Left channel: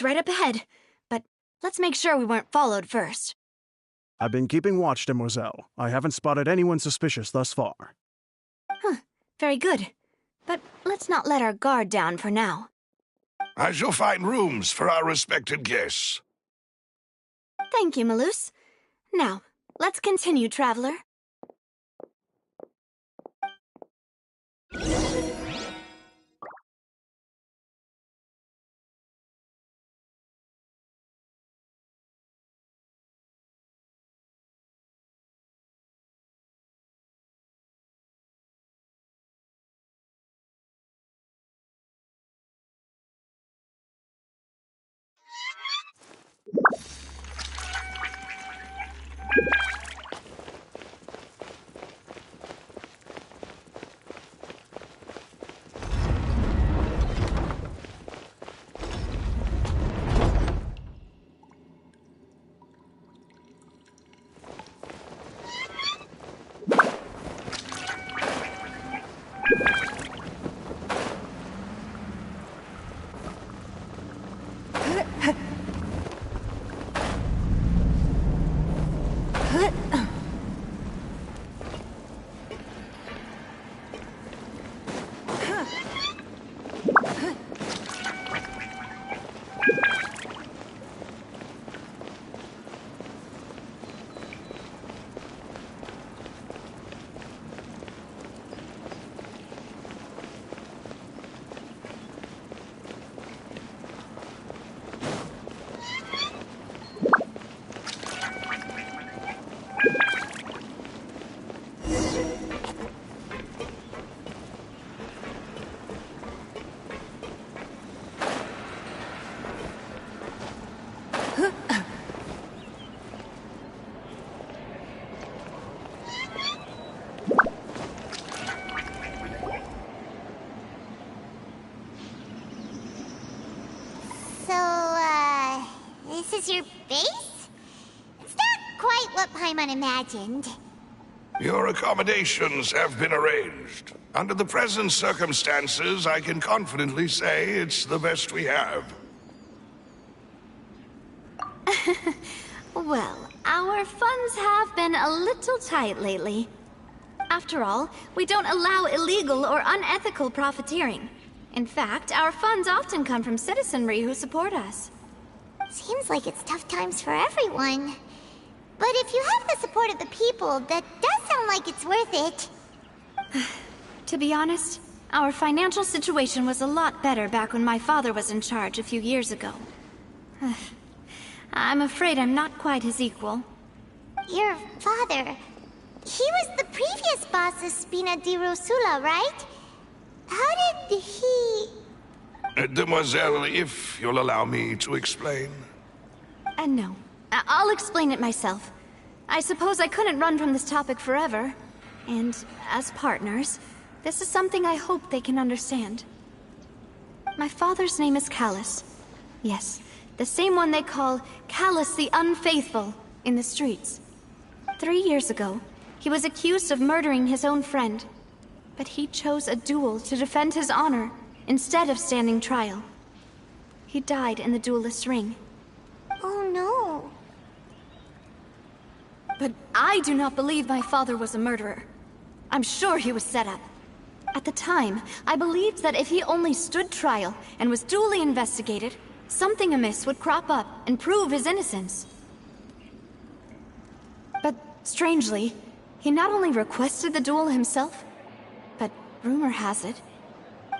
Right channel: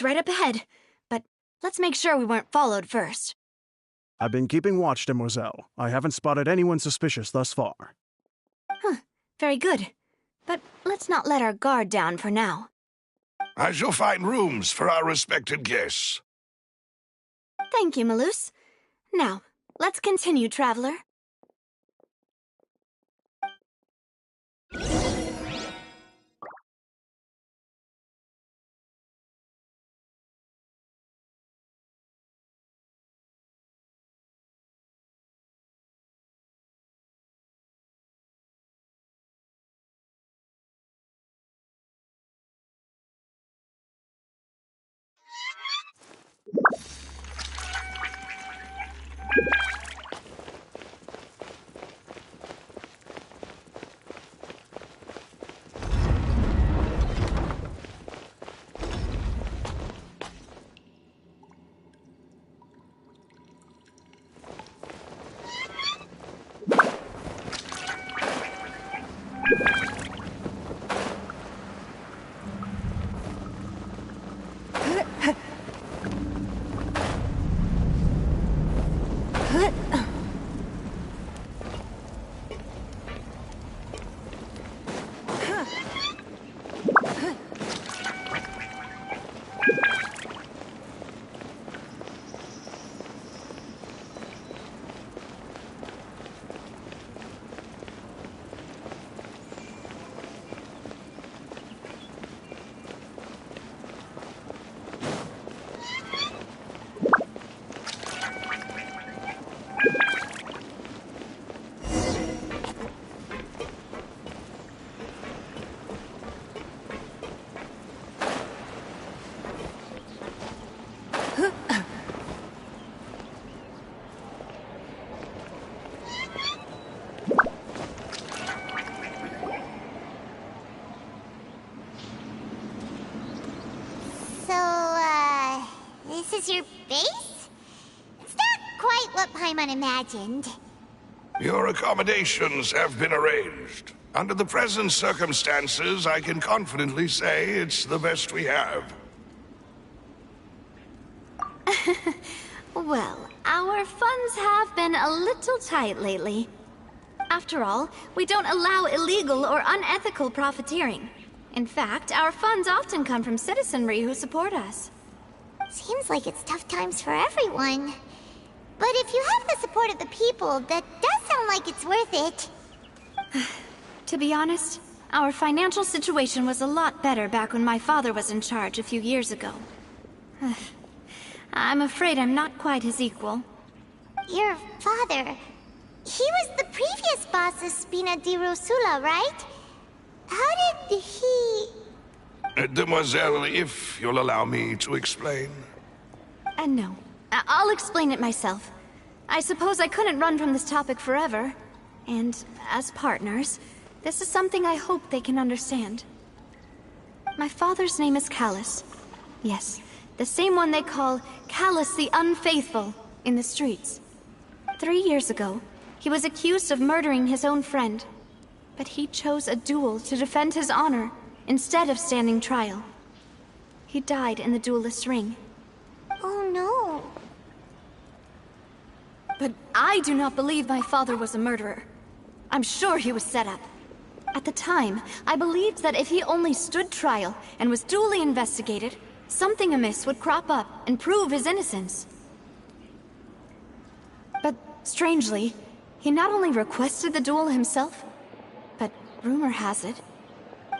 It's right up ahead, but let's make sure we weren't followed first. I've been keeping watch, demoiselle. I haven't spotted anyone suspicious thus far. Huh, very good. But let's not let our guard down for now. I shall find rooms for our respected guests. Thank you, Malus. Now, let's continue, traveler. This is your base? It's not quite what Paimon imagined. Your accommodations have been arranged. Under the present circumstances, I can confidently say it's the best we have. Well, our funds have been a little tight lately. After all, we don't allow illegal or unethical profiteering. In fact, our funds often come from citizenry who support us. Seems like it's tough times for everyone. But if you have the support of the people, that does sound like it's worth it. To be honest, our financial situation was a lot better back when my father was in charge a few years ago. I'm afraid I'm not quite his equal. Your father... he was the previous boss of Spina di Rosula, right? How did he... Demoiselle, if you'll allow me to explain. No. I'll explain it myself. I suppose I couldn't run from this topic forever. And, as partners, this is something I hope they can understand. My father's name is Callus. Yes, the same one they call Callus the Unfaithful in the streets. 3 years ago, he was accused of murdering his own friend. But he chose a duel to defend his honor instead of standing trial. He died in the duelist's ring. Oh no. But I do not believe my father was a murderer. I'm sure he was set up. At the time, I believed that if he only stood trial and was duly investigated, something amiss would crop up and prove his innocence. But strangely, he not only requested the duel himself, but rumor has it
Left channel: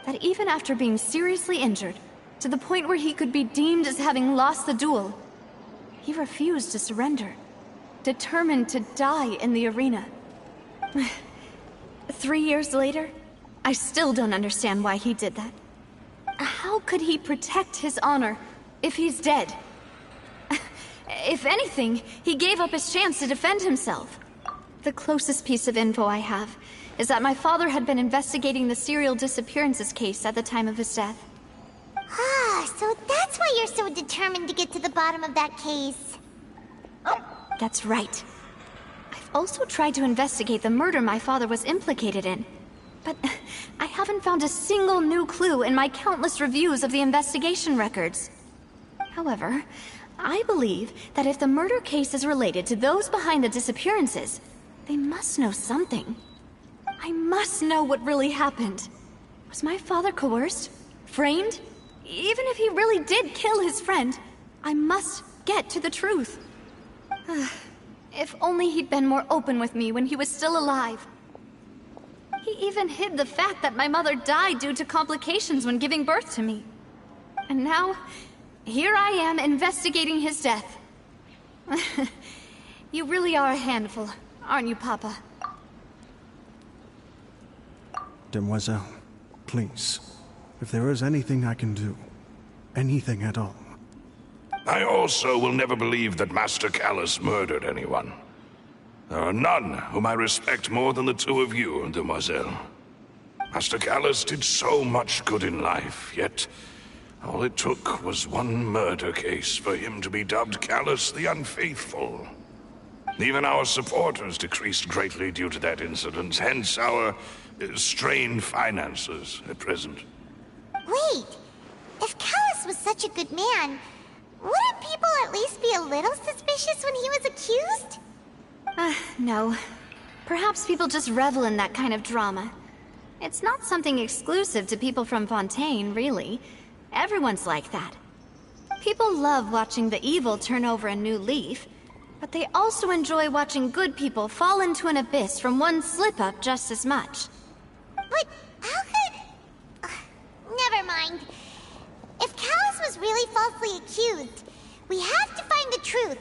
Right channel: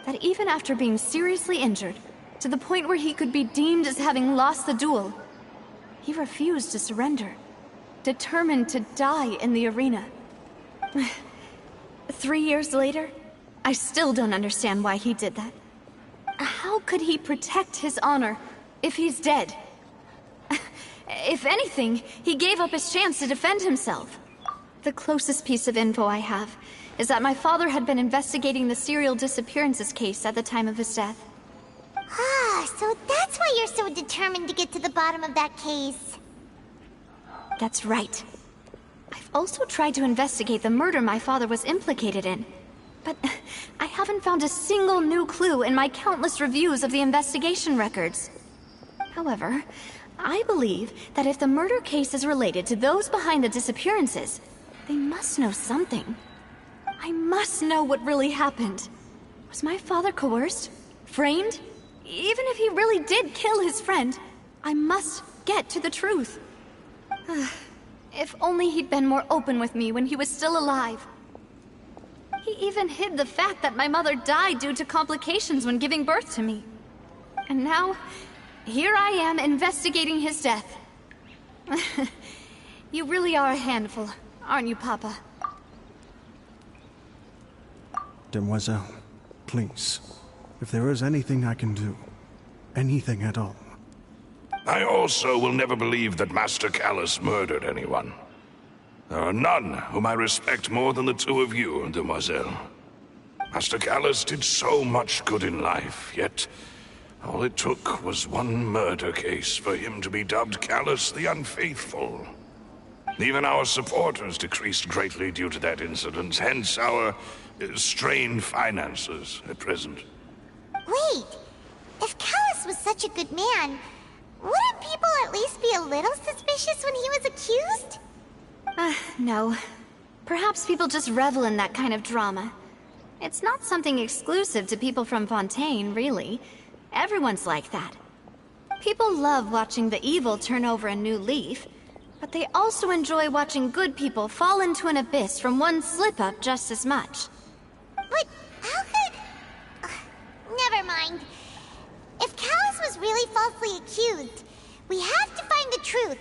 that even after being seriously injured, to the point where he could be deemed as having lost the duel, he refused to surrender, determined to die in the arena. 3 years later, I still don't understand why he did that. How could he protect his honor if he's dead? If anything, he gave up his chance to defend himself. The closest piece of info I have is that my father had been investigating the serial disappearances case at the time of his death. Ah, so that's why you're so determined to get to the bottom of that case. That's right. I've also tried to investigate the murder my father was implicated in, but I haven't found a single new clue in my countless reviews of the investigation records. However, I believe that if the murder case is related to those behind the disappearances, they must know something. I must know what really happened. Was my father coerced? Framed? Even if he really did kill his friend, I must get to the truth. If only he'd been more open with me when he was still alive. He even hid the fact that my mother died due to complications when giving birth to me. And now, here I am investigating his death. You really are a handful, aren't you, Papa? Demoiselle, please, if there is anything I can do, anything at all. I also will never believe that Master Callus murdered anyone. There are none whom I respect more than the two of you, Demoiselle. Master Callus did so much good in life, yet all it took was one murder case for him to be dubbed Callus the Unfaithful. Even our supporters decreased greatly due to that incident, hence our strained finances at present. Wait, if Callus was such a good man, wouldn't people at least be a little suspicious when he was accused? No. Perhaps people just revel in that kind of drama. It's not something exclusive to people from Fontaine, really. Everyone's like that. People love watching the evil turn over a new leaf, but they also enjoy watching good people fall into an abyss from one slip-up just as much. But how could... never mind. If Callus was really falsely accused, we have to find the truth.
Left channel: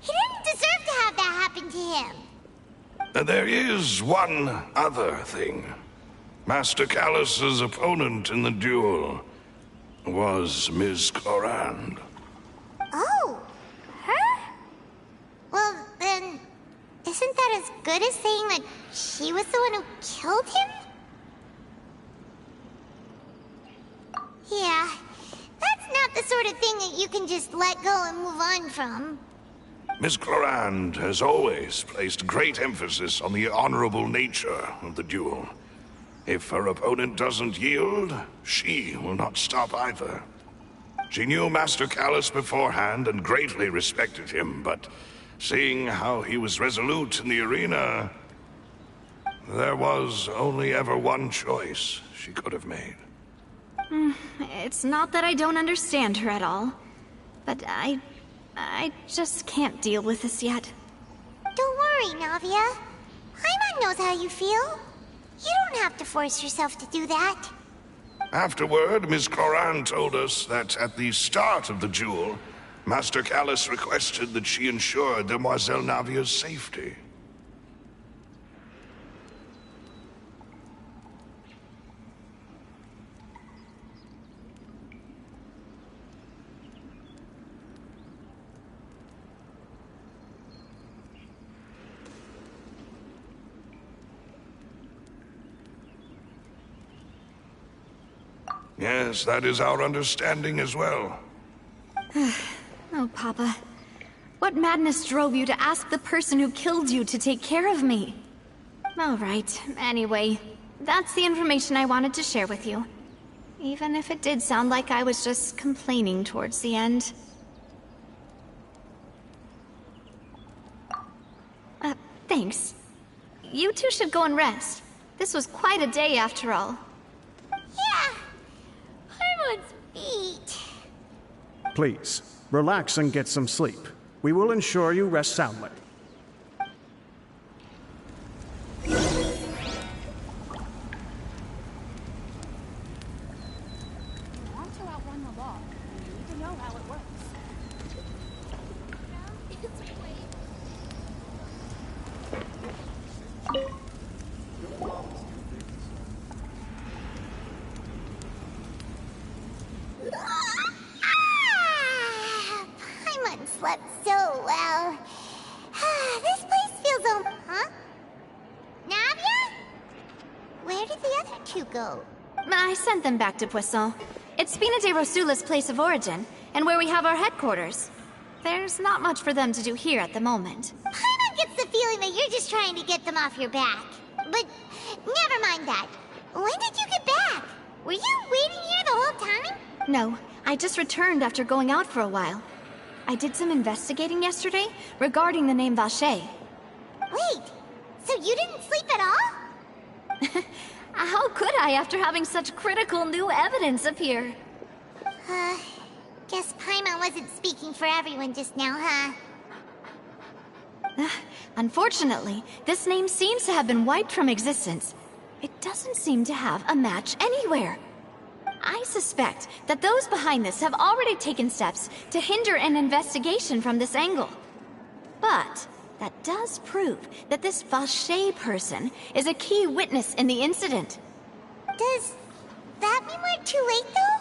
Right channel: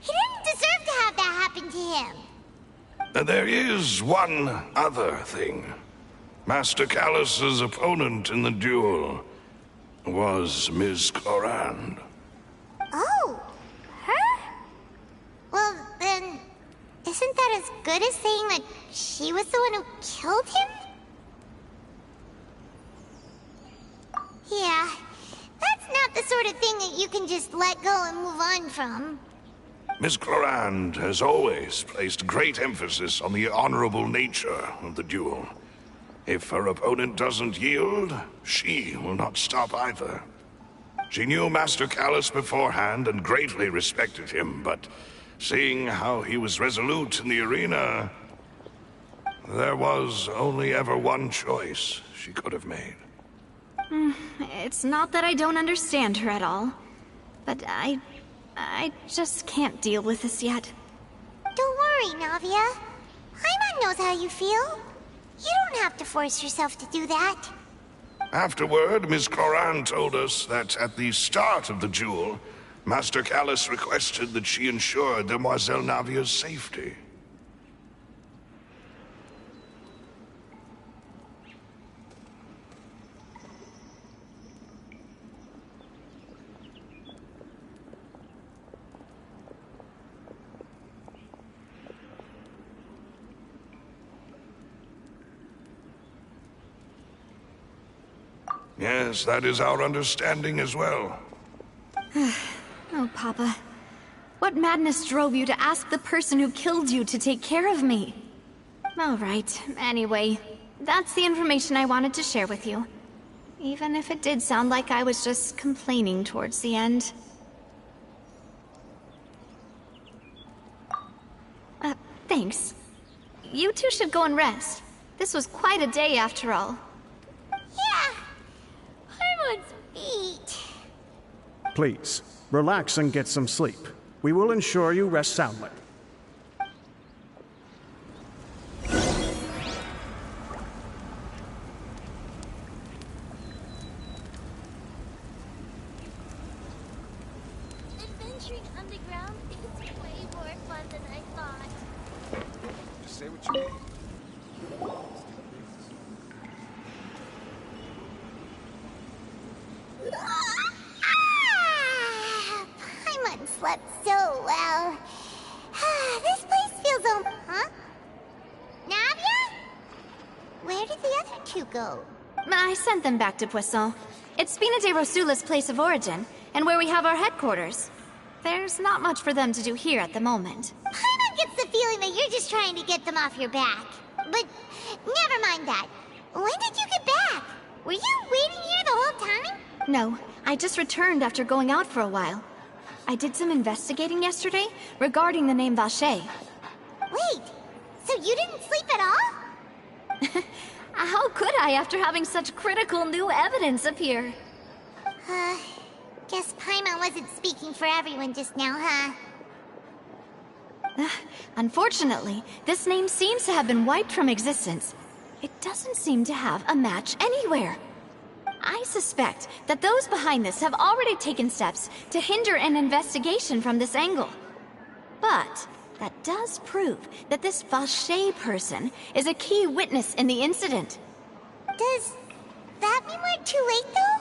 He didn't deserve to have that happen to him. There is one other thing. Master Callus's opponent in the duel was Ms. Clorand. Oh, her? Well, then, isn't that as good as saying that she was the one who killed him? Yeah, that's not the sort of thing that you can just let go and move on from. Ms. Clorand has always placed great emphasis on the honorable nature of the duel. If her opponent doesn't yield, she will not stop either. She knew Master Callus beforehand and greatly respected him, but seeing how he was resolute in the arena, there was only ever one choice she could have made. It's not that I don't understand her at all, but I just can't deal with this yet. Don't worry, Navia. Paimon knows how you feel. You don't have to force yourself to do that. Afterward, Ms. Clorand told us that at the start of the duel, Master Callus requested that she ensure Demoiselle Navia's safety. Yes, that is our understanding as well. Oh, Papa. What madness drove you to ask the person who killed you to take care of me? All right, anyway, that's the information I wanted to share with you. Even if it did sound like I was just complaining towards the end. Thanks. You two should go and rest. This was quite a day after all. Yeah. Paimon's beat. Please, relax and get some sleep. We will ensure you rest soundly. Paimon slept so well. This place feels huh? Navia? Where did the other two go? I sent them back to Poisson. It's Spina de Rosula's place of origin, and where we have our headquarters. There's not much for them to do here at the moment. Paimon gets the feeling that you're just trying to get them off your back. But never mind that. When did you get back? Were you waiting here the whole time? No, I just returned after going out for a while. I did some investigating yesterday regarding the name Vache. Wait, so you didn't sleep at all? How could I after having such critical new evidence appear? Guess Paimon wasn't speaking for everyone just now, huh? Unfortunately, this name seems to have been wiped from existence. It doesn't seem to have a match anywhere. I suspect that those behind this have already taken steps to hinder an investigation from this angle. But that does prove that this Vache person is a key witness in the incident. Does that mean we're too late, though?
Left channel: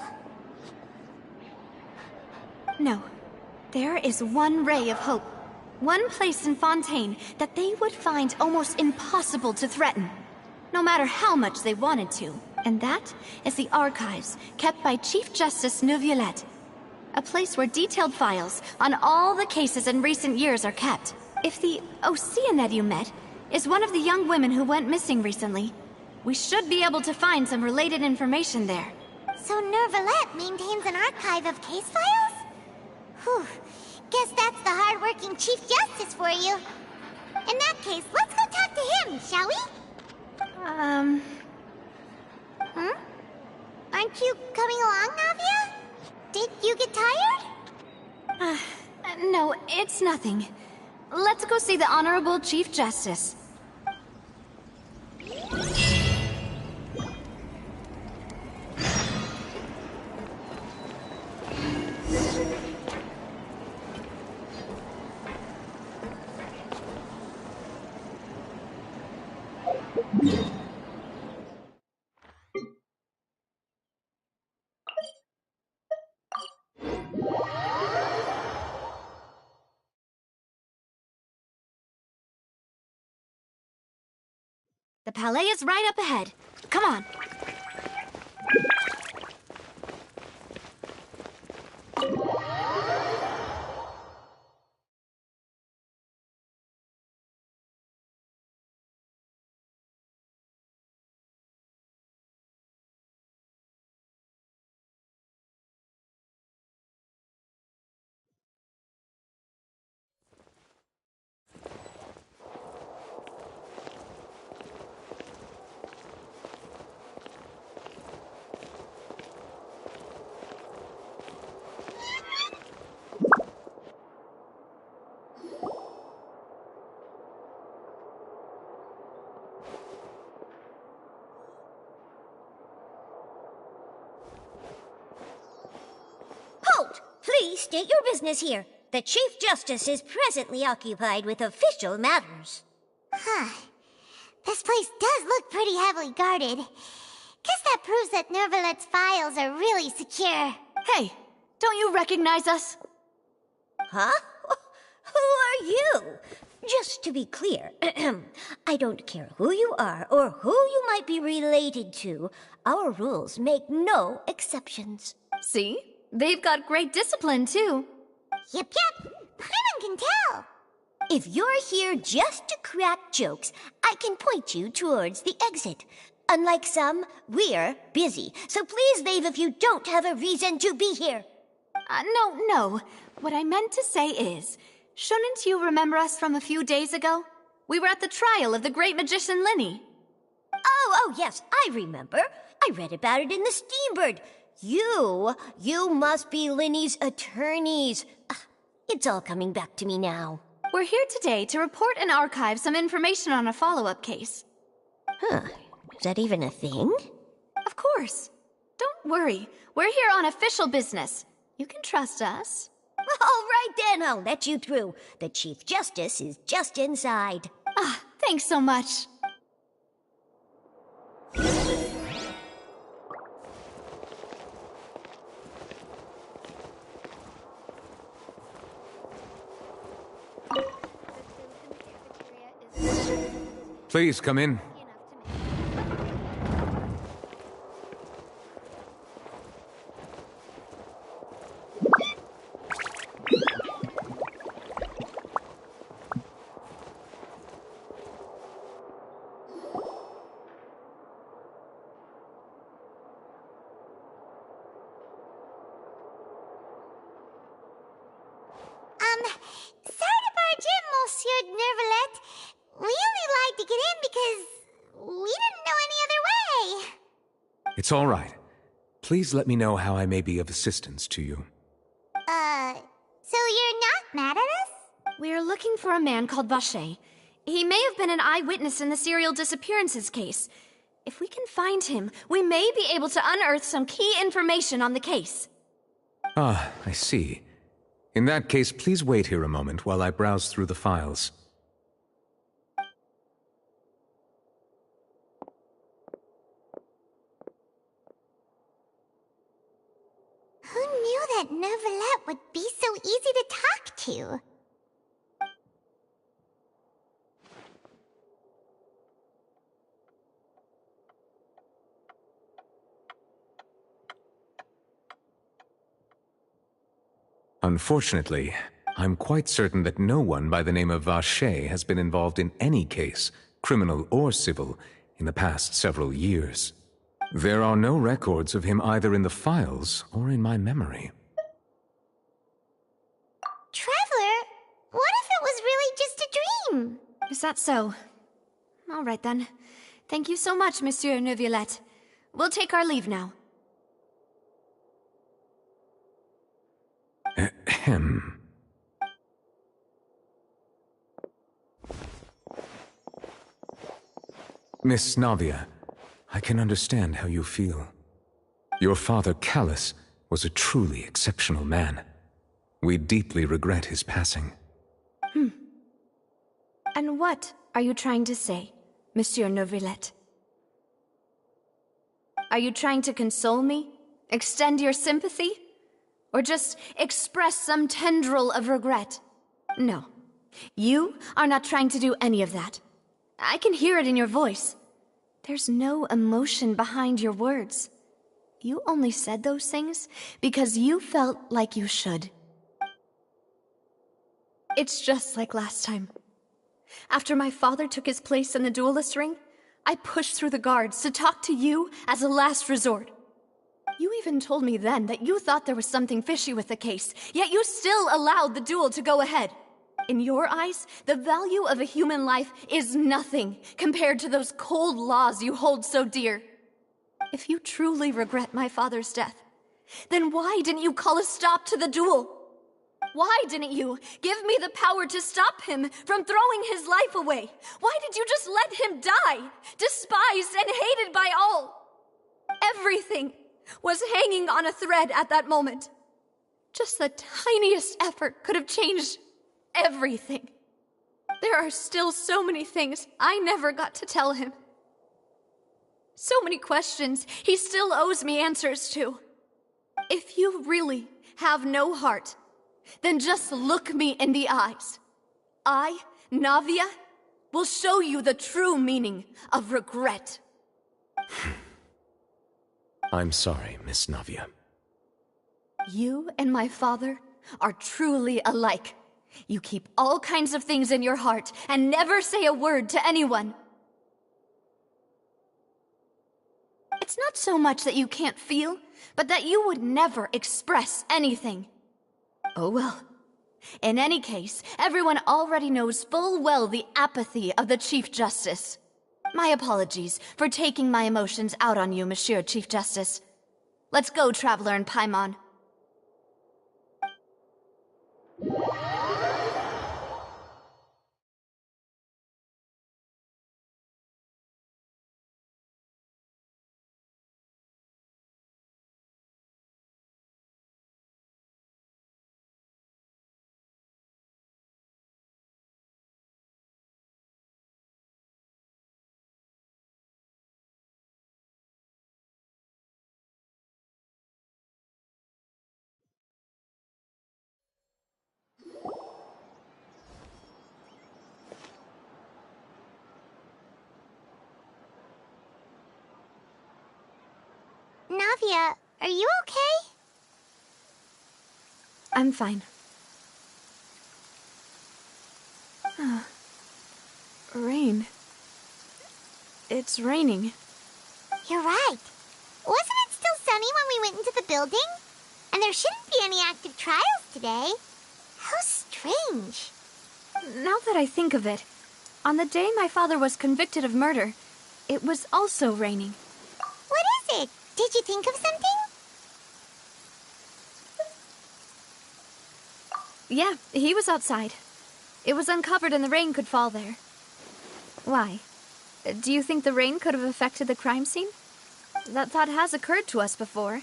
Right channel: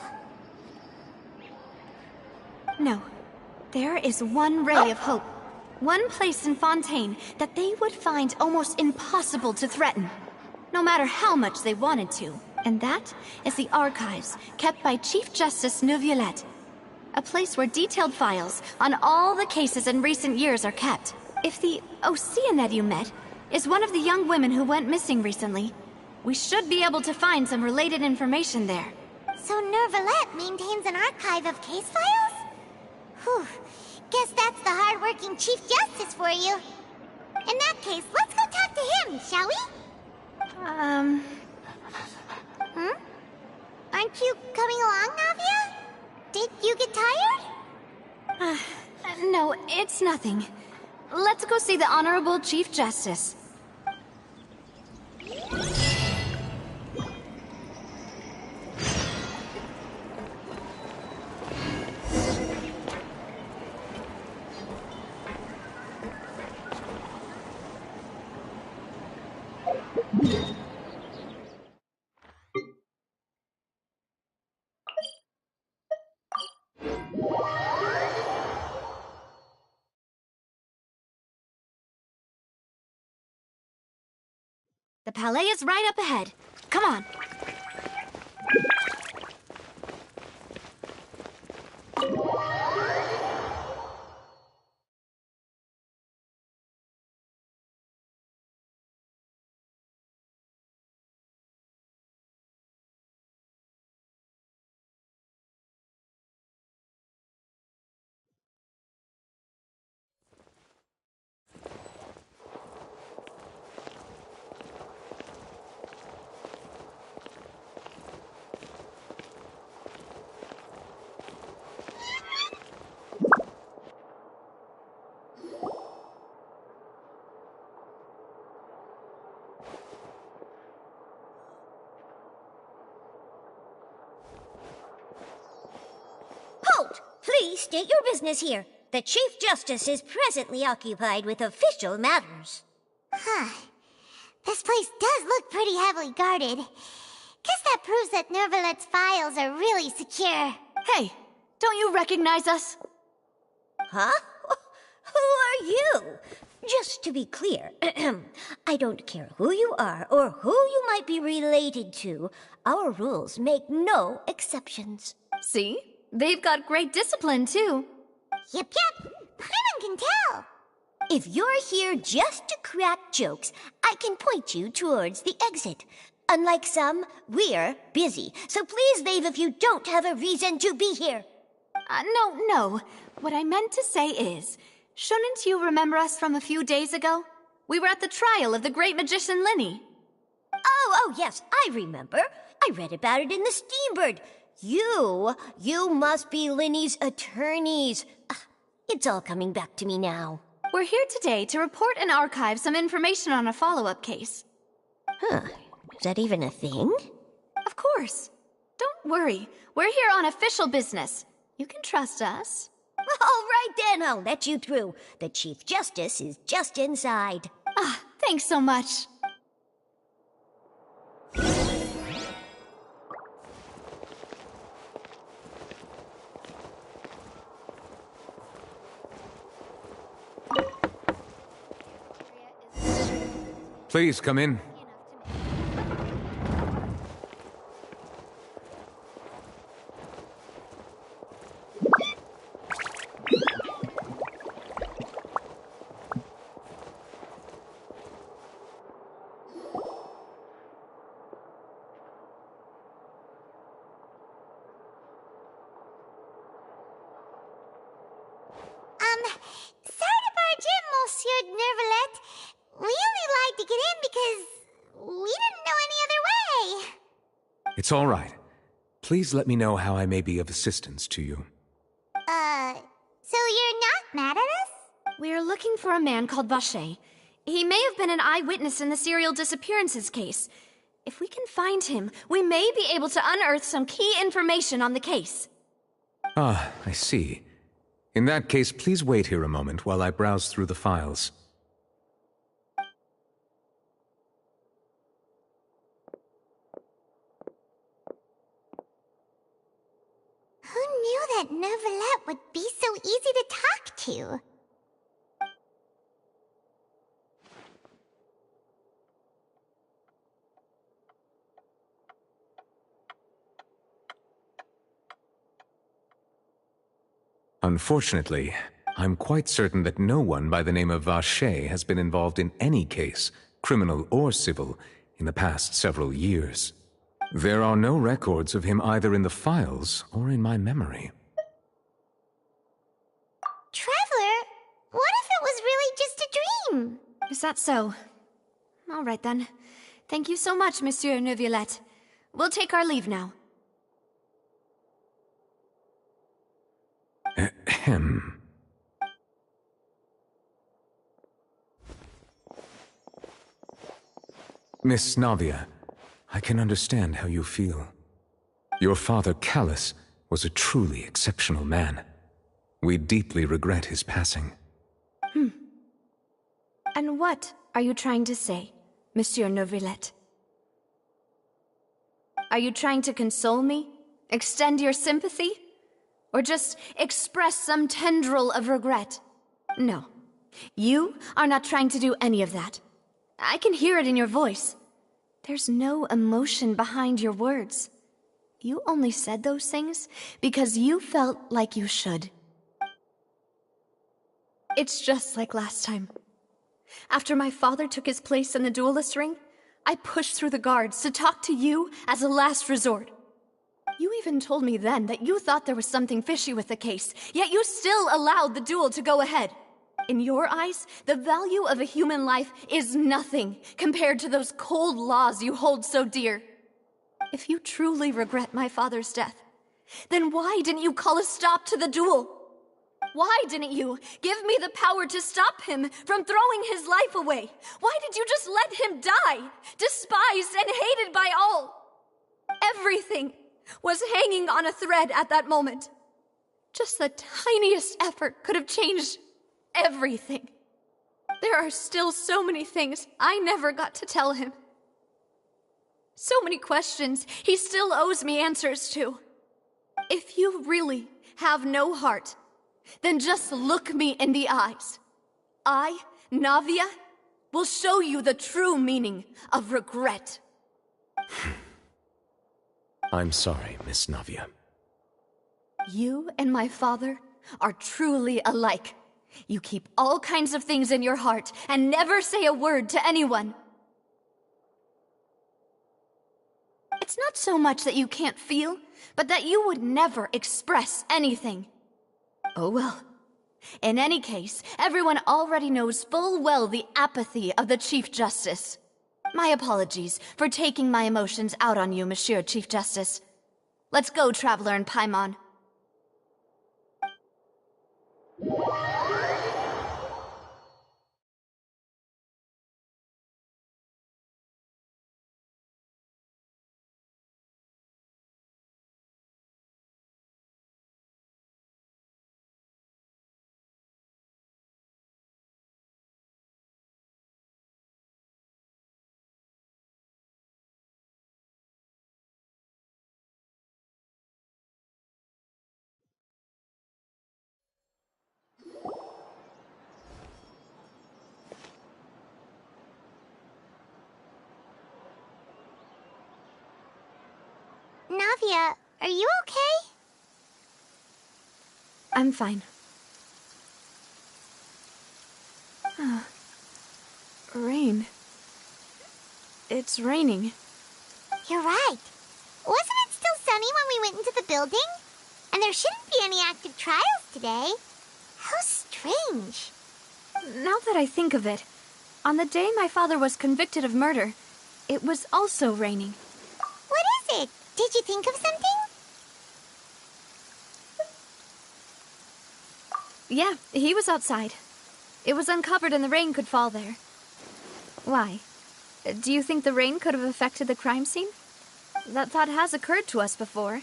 No. There is one ray of hope. One place in Fontaine that they would find almost impossible to threaten, no matter how much they wanted to. And that is the archives kept by Chief Justice Neuvillette. A place where detailed files on all the cases in recent years are kept. If the Oceanid you met is one of the young women who went missing recently, we should be able to find some related information there. So Neuvillette maintains an archive of case files? Whew. Guess that's the hard-working Chief Justice for you. In that case, let's go talk to him, shall we? Aren't you coming along, Navia? Did you get tired? No, it's nothing. Let's go see the Honorable Chief Justice. The Palais is right up ahead. Come on. Halt! Please state your business here. The Chief Justice is presently occupied with official matters. This place does look pretty heavily guarded. Guess that proves that Neuvillette's files are really secure. Hey, don't you recognize us? Huh? Who are you? Just to be clear, I don't care who you are or who you might be related to. Our rules make no exceptions. See? They've got great discipline, too. Yep. Paimon can tell. If you're here just to crack jokes, I can point you towards the exit. Unlike some, we're busy, so please leave if you don't have a reason to be here. No. What I meant to say is, shouldn't you remember us from a few days ago? We were at the trial of the great magician Linny. Oh, yes, I remember. I read about it in the Steambird. You must be Linny's attorneys. It's all coming back to me now. We're here today to report and archive some information on a follow-up case. Is that even a thing? Of course. Don't worry. We're here on official business. You can trust us. All right then, I'll let you through. The Chief Justice is just inside. Thanks so much. Please come in. It's all right. Please let me know how I may be of assistance to you. So you're not mad at us? We're looking for a man called Vache. He may have been an eyewitness in the serial disappearances case. If we can find him, we may be able to unearth some key information on the case. Ah, I see. In that case, please wait here a moment while I browse through the files. Who knew that Neuvillette would be so easy to talk to? Unfortunately, I'm quite certain that no one by the name of Vache has been involved in any case, criminal or civil, in the past several years. There are no records of him either in the files or in my memory. Traveler, what if it was really just a dream? Is that so? All right then. Thank you so much, Monsieur Neuvillette. We'll take our leave now. Ahem. Miss Navia, I can understand how you feel. Your father, Callus, was a truly exceptional man. We deeply regret his passing. And what are you trying to say, Monsieur Neuvillette? Are you trying to console me? Extend your sympathy? Or just express some tendril of regret? No. You are not trying to do any of that. I can hear it in your voice. There's no emotion behind your words. You only said those things because you felt like you should. It's just like last time. After my father took his place in the duelist ring, I pushed through the guards to talk to you as a last resort. You even told me then that you thought there was something fishy with the case, yet you still allowed the duel to go ahead. In your eyes, the value of a human life is nothing compared to those cold laws you hold so dear. If you truly regret my father's death, then why didn't you call a stop to the duel? Why didn't you give me the power to stop him from throwing his life away? Why did you just let him die, despised and hated by all? Everything was hanging on a thread at that moment. Just the tiniest effort could have changed everything. There are still so many things I never got to tell him. So many questions he still owes me answers to. If you really have no heart, then just look me in the eyes. I, Navia, will show you the true meaning of regret. I'm sorry, Miss Navia. You and my father are truly alike. You keep all kinds of things in your heart and never say a word to anyone. It's not so much that you can't feel, but that you would never express anything. Oh well. In any case, everyone already knows full well the apathy of the Chief Justice. My apologies for taking my emotions out on you, Monsieur Chief Justice. Let's go, Traveler and Paimon. Navia, are you okay? I'm fine. Rain. It's raining. You're right. Wasn't it still sunny when we went into the building? And there shouldn't be any active trials today. How strange. Now that I think of it, on the day my father was convicted of murder, it was also raining. What is it? Did you think of something? Yeah, he was outside. It was uncovered and the rain could fall there. Why? Do you think the rain could have affected the crime scene? That thought has occurred to us before.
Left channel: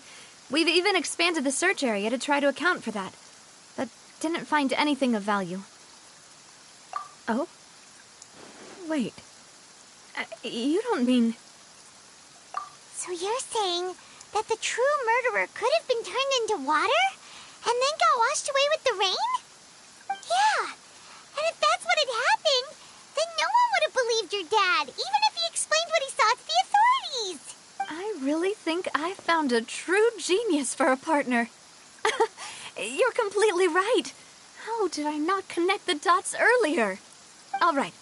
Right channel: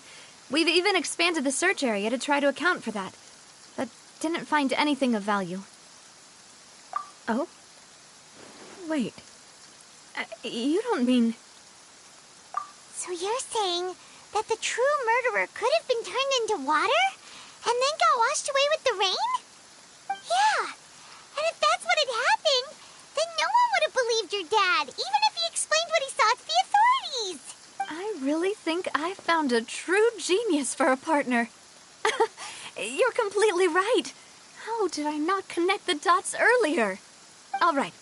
We've even expanded the search area to try to account for that, but didn't find anything of value. Oh? Wait. You don't mean... So you're saying that the true murderer could have been turned into water and then got washed away with the rain? Yeah, and if that's what had happened, then no one would have believed your dad, even if he explained what he saw to the authorities. I really think I found a true genius for a partner. You're completely right. How did I not connect the dots earlier? All right,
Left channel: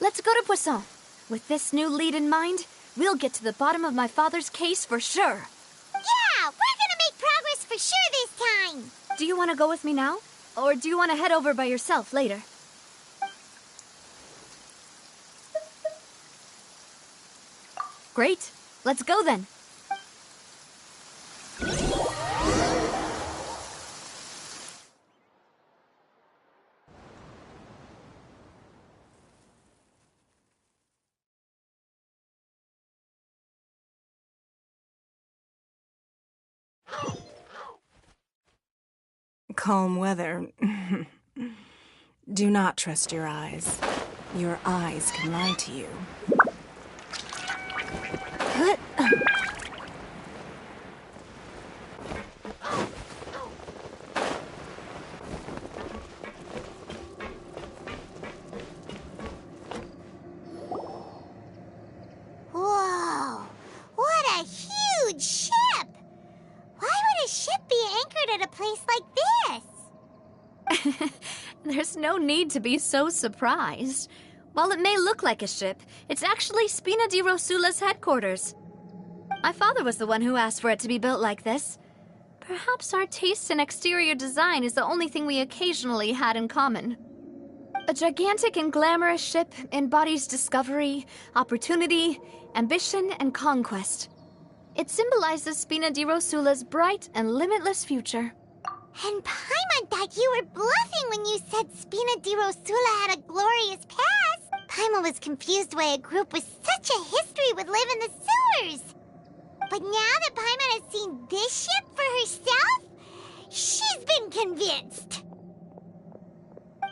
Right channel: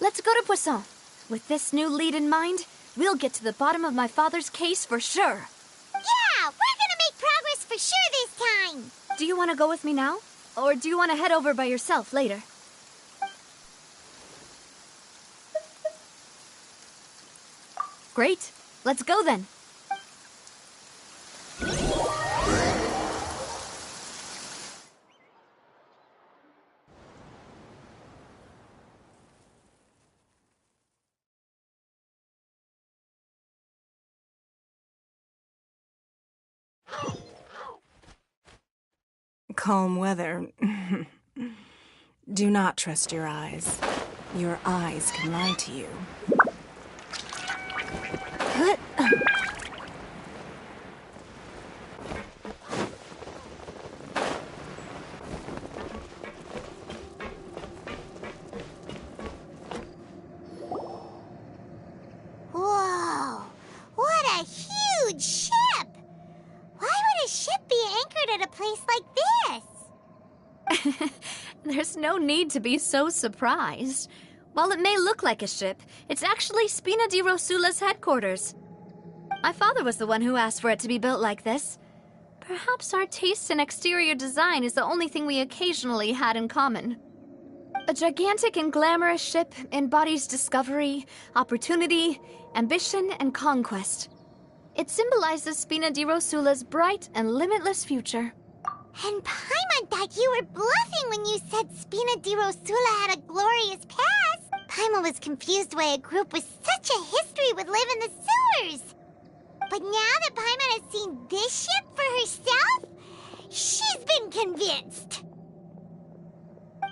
let's go to Poisson. With this new lead in mind, we'll get to the bottom of my father's case for sure. Yeah, we're gonna make progress for sure this time. Do you want to go with me now? Or do you want to head over by yourself later? Great. Let's go then. Calm weather. Do not trust your eyes. Your eyes can lie to you. Whoa, what a huge ship! Why would a ship be anchored at a place like this? There's no need to be so surprised. While it may look like a ship, it's actually Spina di Rosula's headquarters. My father was the one who asked for it to be built like this. Perhaps our taste in exterior design is the only thing we occasionally had in common. A gigantic and glamorous ship embodies discovery, opportunity, ambition, and conquest. It symbolizes Spina di Rosula's bright and limitless future. And Paimon thought you were bluffing when you said Spina di Rosula had a glorious past. Paimon was confused why a group with such a history would live in the sewers. But now that Paimon has seen this ship for herself, she's been convinced.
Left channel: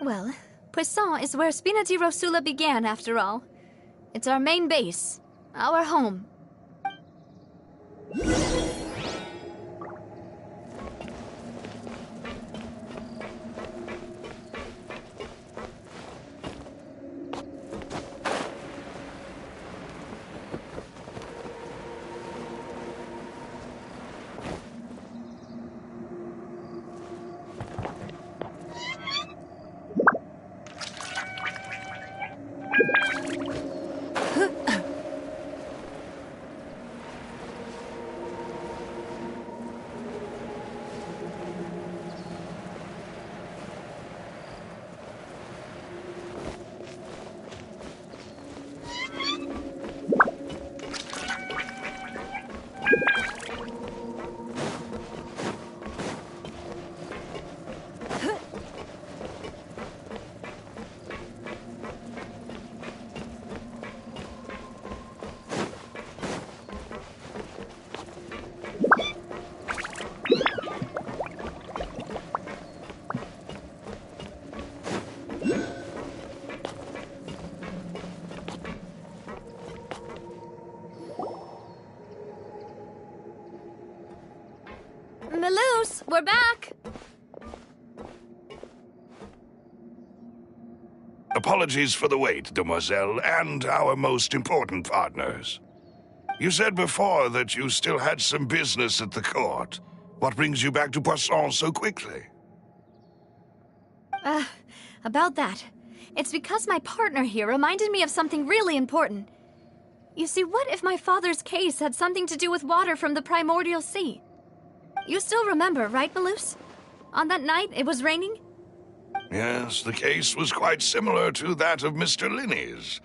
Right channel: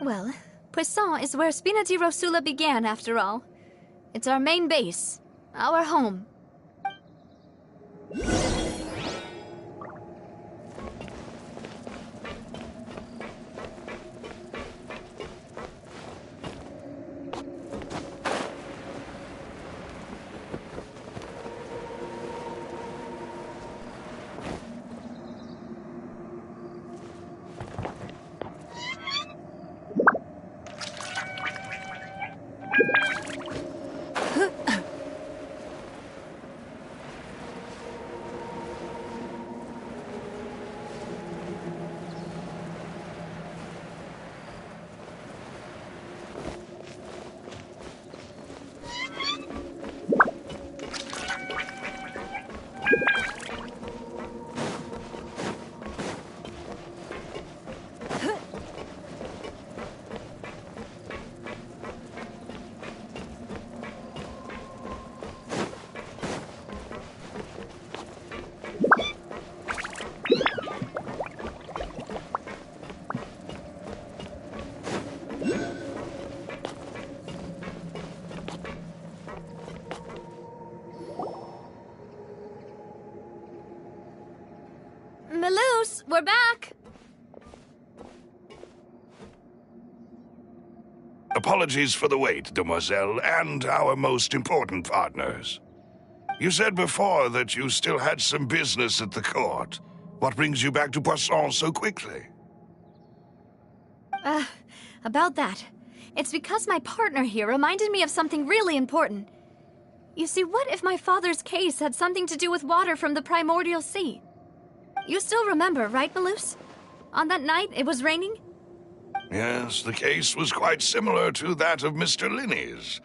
Well, Poisson is where Spina di Rosula began, after all. It's our main base, our home. Melus, we're back! Apologies for the wait, demoiselle, and our most important partners. You said before that you still had some business at the court. What brings you back to Poisson so quickly? About that. It's because my partner here reminded me of something really important. You see, what if my father's case had something to do with water from the primordial sea? You still remember, right, Melus? On that night, it was raining? Yes, the case was quite similar to that of Mr. Linney's.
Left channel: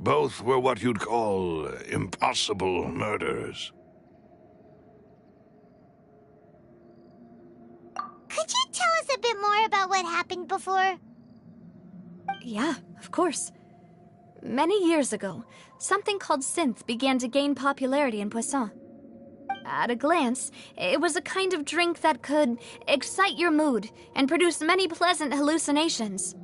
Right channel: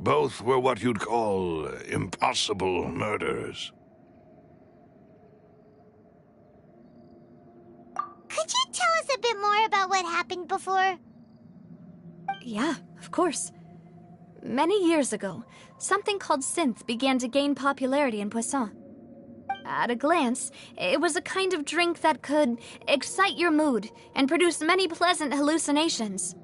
Both were what you'd call impossible murders. bit more about what happened before? Yeah, of course. Many years ago, something called synth began to gain popularity in Poisson. At a glance, it was a kind of drink that could excite your mood and produce many pleasant hallucinations.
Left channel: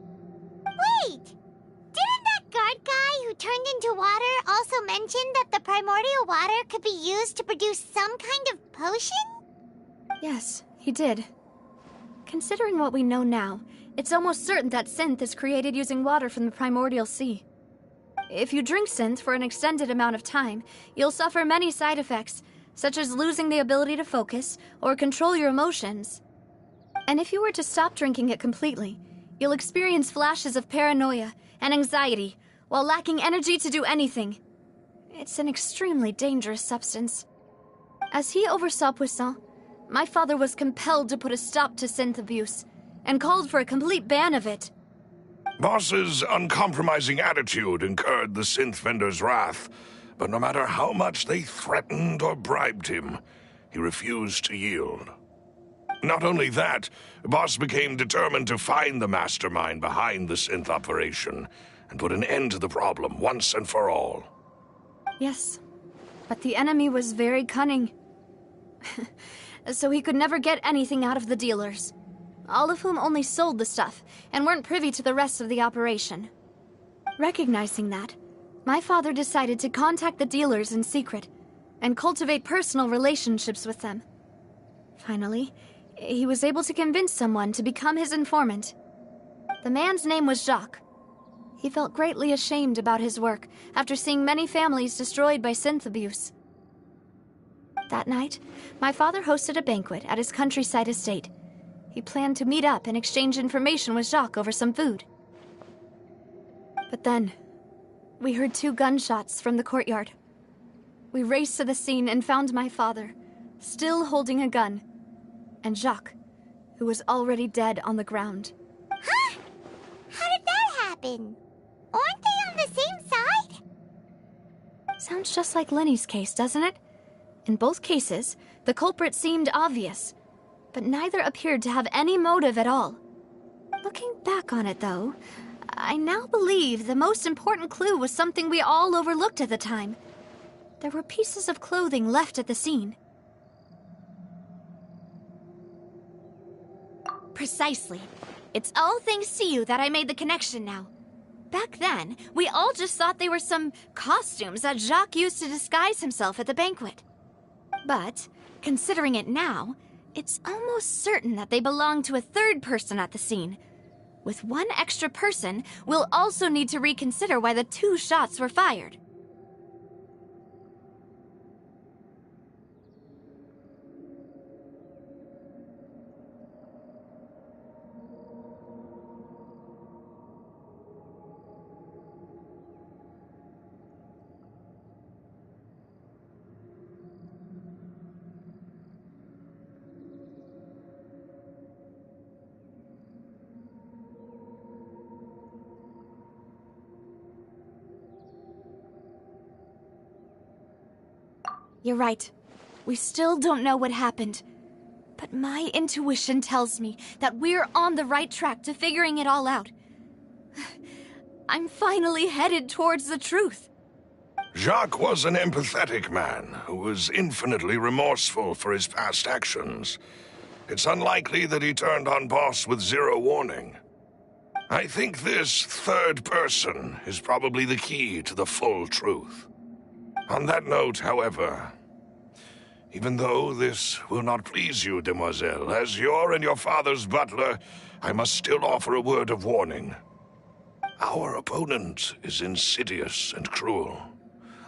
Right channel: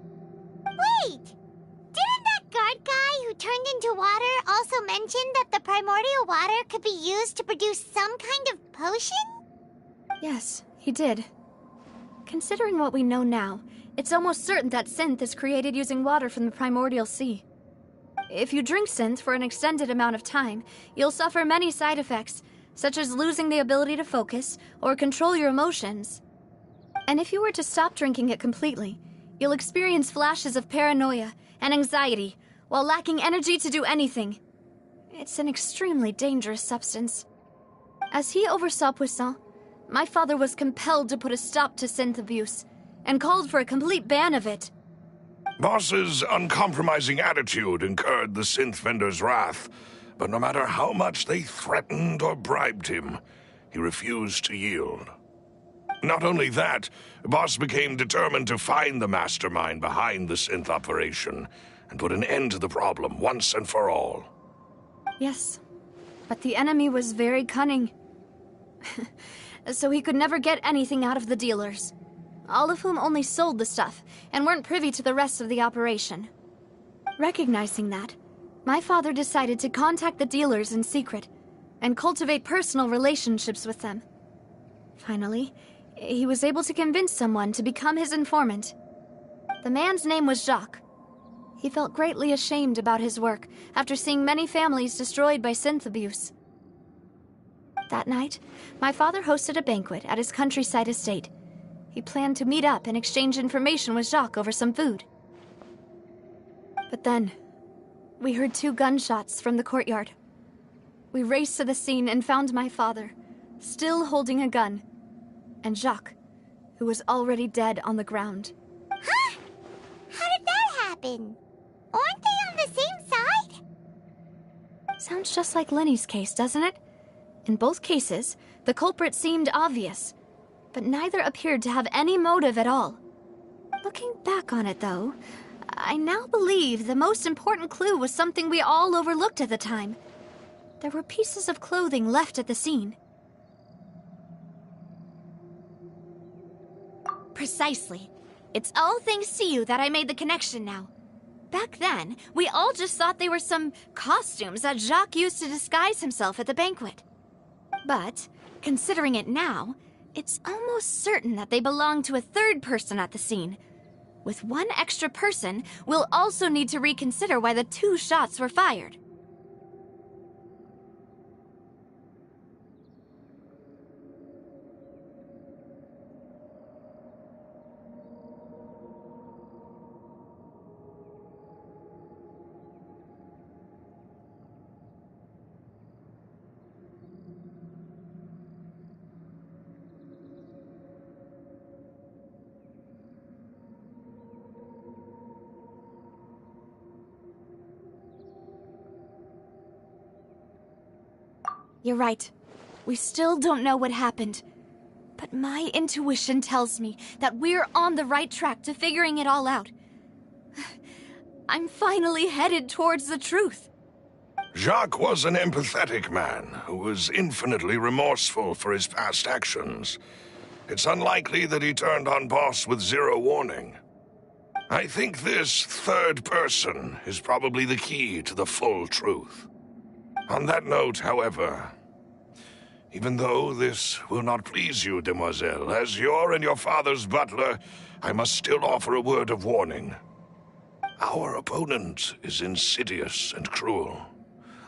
Wait! Didn't that guard guy who turned into water also mention that the primordial water could be used to produce some kind of potion? Yes, he did. Considering what we know now, it's almost certain that synth is created using water from the primordial sea. If you drink synth for an extended amount of time, you'll suffer many side effects, such as losing the ability to focus or control your emotions. And if you were to stop drinking it completely, you'll experience flashes of paranoia and anxiety while lacking energy to do anything. It's an extremely dangerous substance. As he oversaw Poisson, my father was compelled to put a stop to synth abuse and called for a complete ban of it. Boss's uncompromising attitude incurred the synth vendor's wrath, but no matter how much they threatened or bribed him, he refused to yield. Not only that, Boss became determined to find the mastermind behind the synth operation and put an end to the problem once and for all. Yes, but the enemy was very cunning. So he could never get anything out of the dealers, all of whom only sold the stuff and weren't privy to the rest of the operation. Recognizing that, my father decided to contact the dealers in secret and cultivate personal relationships with them. Finally, he was able to convince someone to become his informant. The man's name was Jacques. He felt greatly ashamed about his work after seeing many families destroyed by synth abuse. That night, my father hosted a banquet at his countryside estate. He planned to meet up and exchange information with Jacques over some food. But then, we heard 2 gunshots from the courtyard. We raced to the scene and found my father, still holding a gun, and Jacques, who was already dead on the ground. Huh? How did that happen? Aren't they on the same side? Sounds just like Lenny's case, doesn't it? In both cases, the culprit seemed obvious, but neither appeared to have any motive at all. Looking back on it, though, I now believe the most important clue was something we all overlooked at the time. There were pieces of clothing left at the scene. Precisely. It's all thanks to you that I made the connection now. Back then, we all just thought they were some costumes that Jacques used to disguise himself at the banquet. But, considering it now, it's almost certain that they belong to a third person at the scene. With one extra person, we'll also need to reconsider why the 2 shots were fired. You're right. We still don't know what happened. But my intuition tells me that we're on the right track to figuring it all out. I'm finally headed towards the truth. Jacques was an empathetic man who was infinitely remorseful for his past actions. It's unlikely that he turned on Boss with 0 warning. I think this third person is probably the key to the full truth. On that note, however, even though this will not please you, demoiselle, as your and your father's butler, I must still offer a word of warning. Our opponent is insidious and cruel.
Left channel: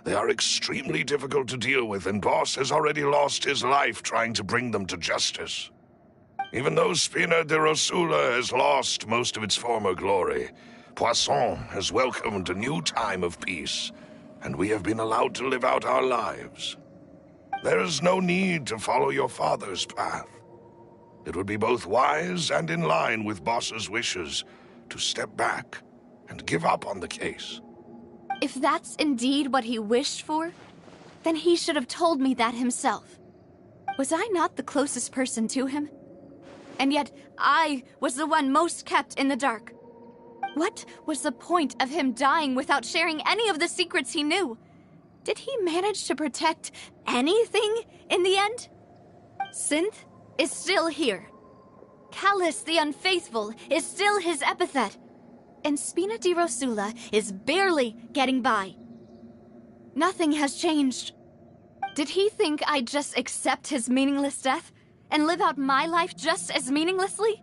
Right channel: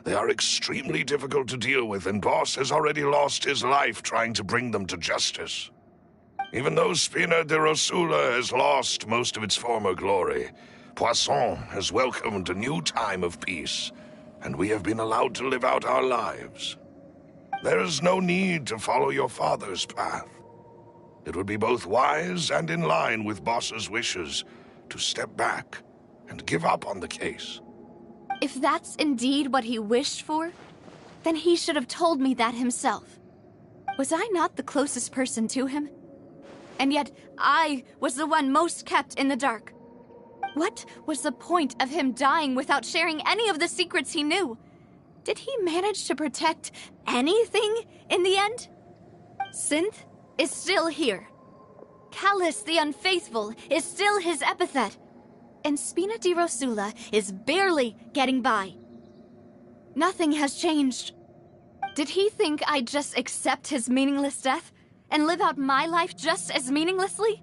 They are extremely difficult to deal with, and Boss has already lost his life trying to bring them to justice. Even though Spina de Rosula has lost most of its former glory, Poisson has welcomed a new time of peace, and we have been allowed to live out our lives. There is no need to follow your father's path. It would be both wise and in line with Boss's wishes to step back and give up on the case. If that's indeed what he wished for, then he should have told me that himself. Was I not the closest person to him? And yet, I was the one most kept in the dark. What was the point of him dying without sharing any of the secrets he knew? Did he manage to protect anything in the end? Synth is still here. Callus the Unfaithful is still his epithet. And Spina di Rosula is barely getting by. Nothing has changed. Did he think I'd just accept his meaningless death and live out my life just as meaninglessly?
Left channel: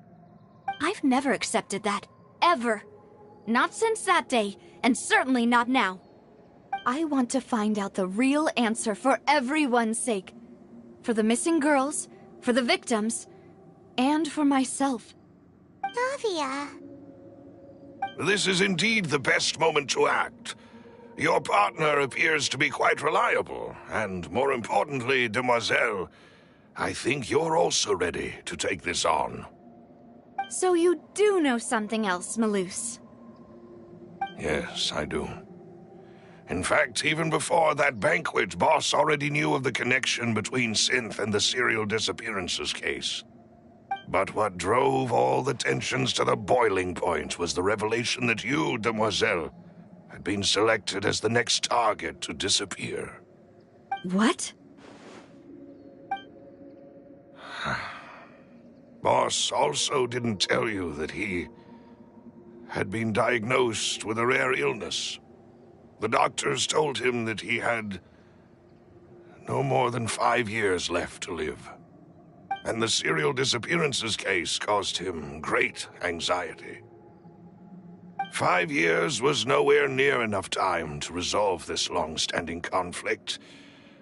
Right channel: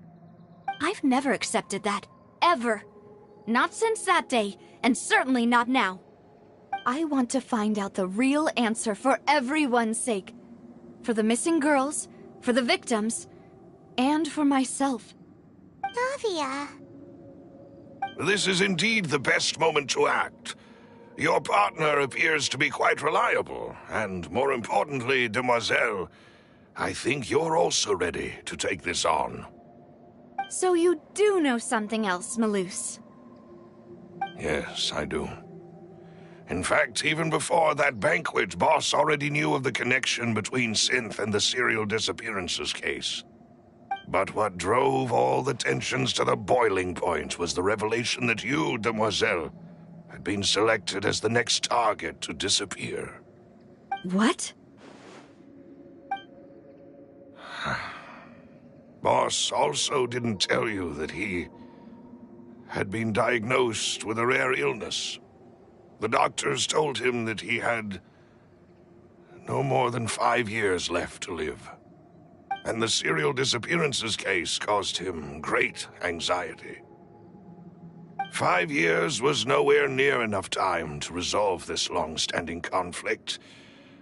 I've never accepted that, ever. Not since that day, and certainly not now. I want to find out the real answer for everyone's sake. For the missing girls, for the victims, and for myself. Navia. This is indeed the best moment to act. Your partner appears to be quite reliable, and more importantly, Demoiselle, I think you're also ready to take this on. So you do know something else, Malus? Yes, I do. In fact, even before that banquet, Boss already knew of the connection between Synth and the serial disappearances case. But what drove all the tensions to the boiling point was the revelation that you, Demoiselle, had been selected as the next target to disappear. What? Boss also didn't tell you that he had been diagnosed with a rare illness. The doctors told him that he had no more than 5 years left to live. And the serial disappearances case caused him great anxiety. 5 years was nowhere near enough time to resolve this long-standing conflict.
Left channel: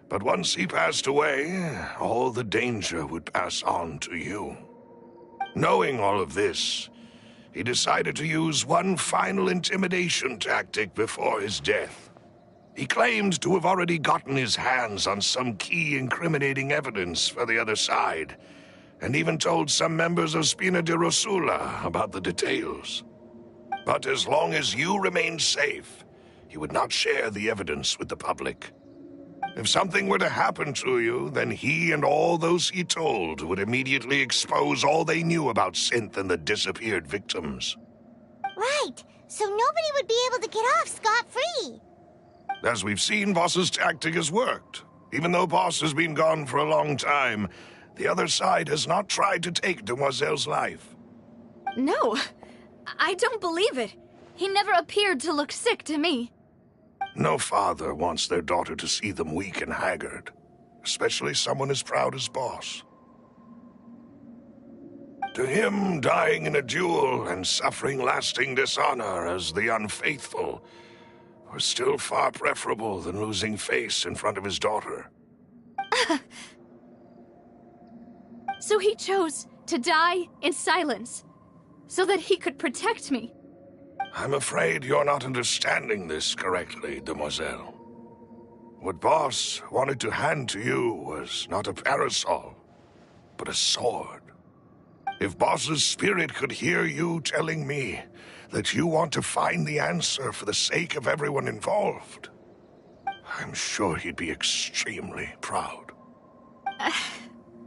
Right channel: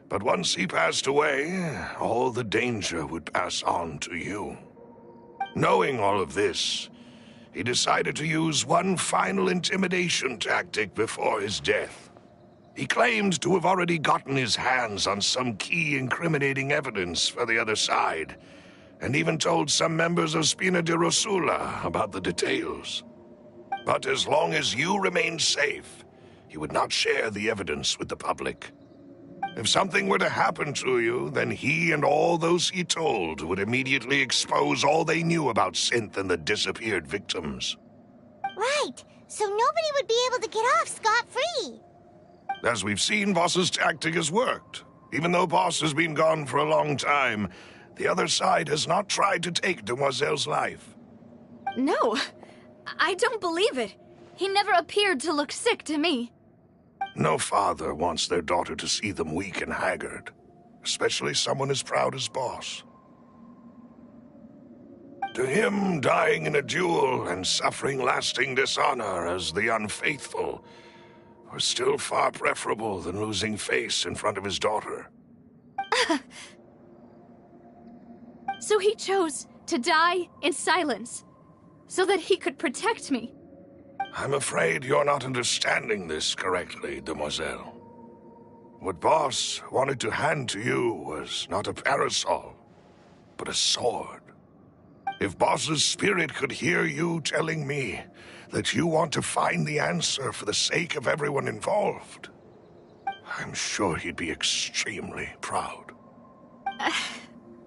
But once he passed away, all the danger would pass on to you. Knowing all of this, he decided to use one final intimidation tactic before his death. He claimed to have already gotten his hands on some key incriminating evidence for the other side, and even told some members of Spina di Rosula about the details. But as long as you remained safe, he would not share the evidence with the public. If something were to happen to you, then he and all those he told would immediately expose all they knew about Synth and the disappeared victims. Right, so nobody would be able to get off scot-free. As we've seen, Boss's tactic has worked. Even though Boss has been gone for a long time, the other side has not tried to take Demoiselle's life. No, I don't believe it. He never appeared to look sick to me. No father wants their daughter to see them weak and haggard, especially someone as proud as Boss. To him, dying in a duel and suffering lasting dishonor as the Unfaithful was still far preferable than losing face in front of his daughter. So he chose to die in silence, so that he could protect me. I'm afraid you're not understanding this correctly, Demoiselle. What Boss wanted to hand to you was not a parasol, but a sword. If Boss's spirit could hear you telling me that you want to find the answer for the sake of everyone involved, I'm sure he'd be extremely proud.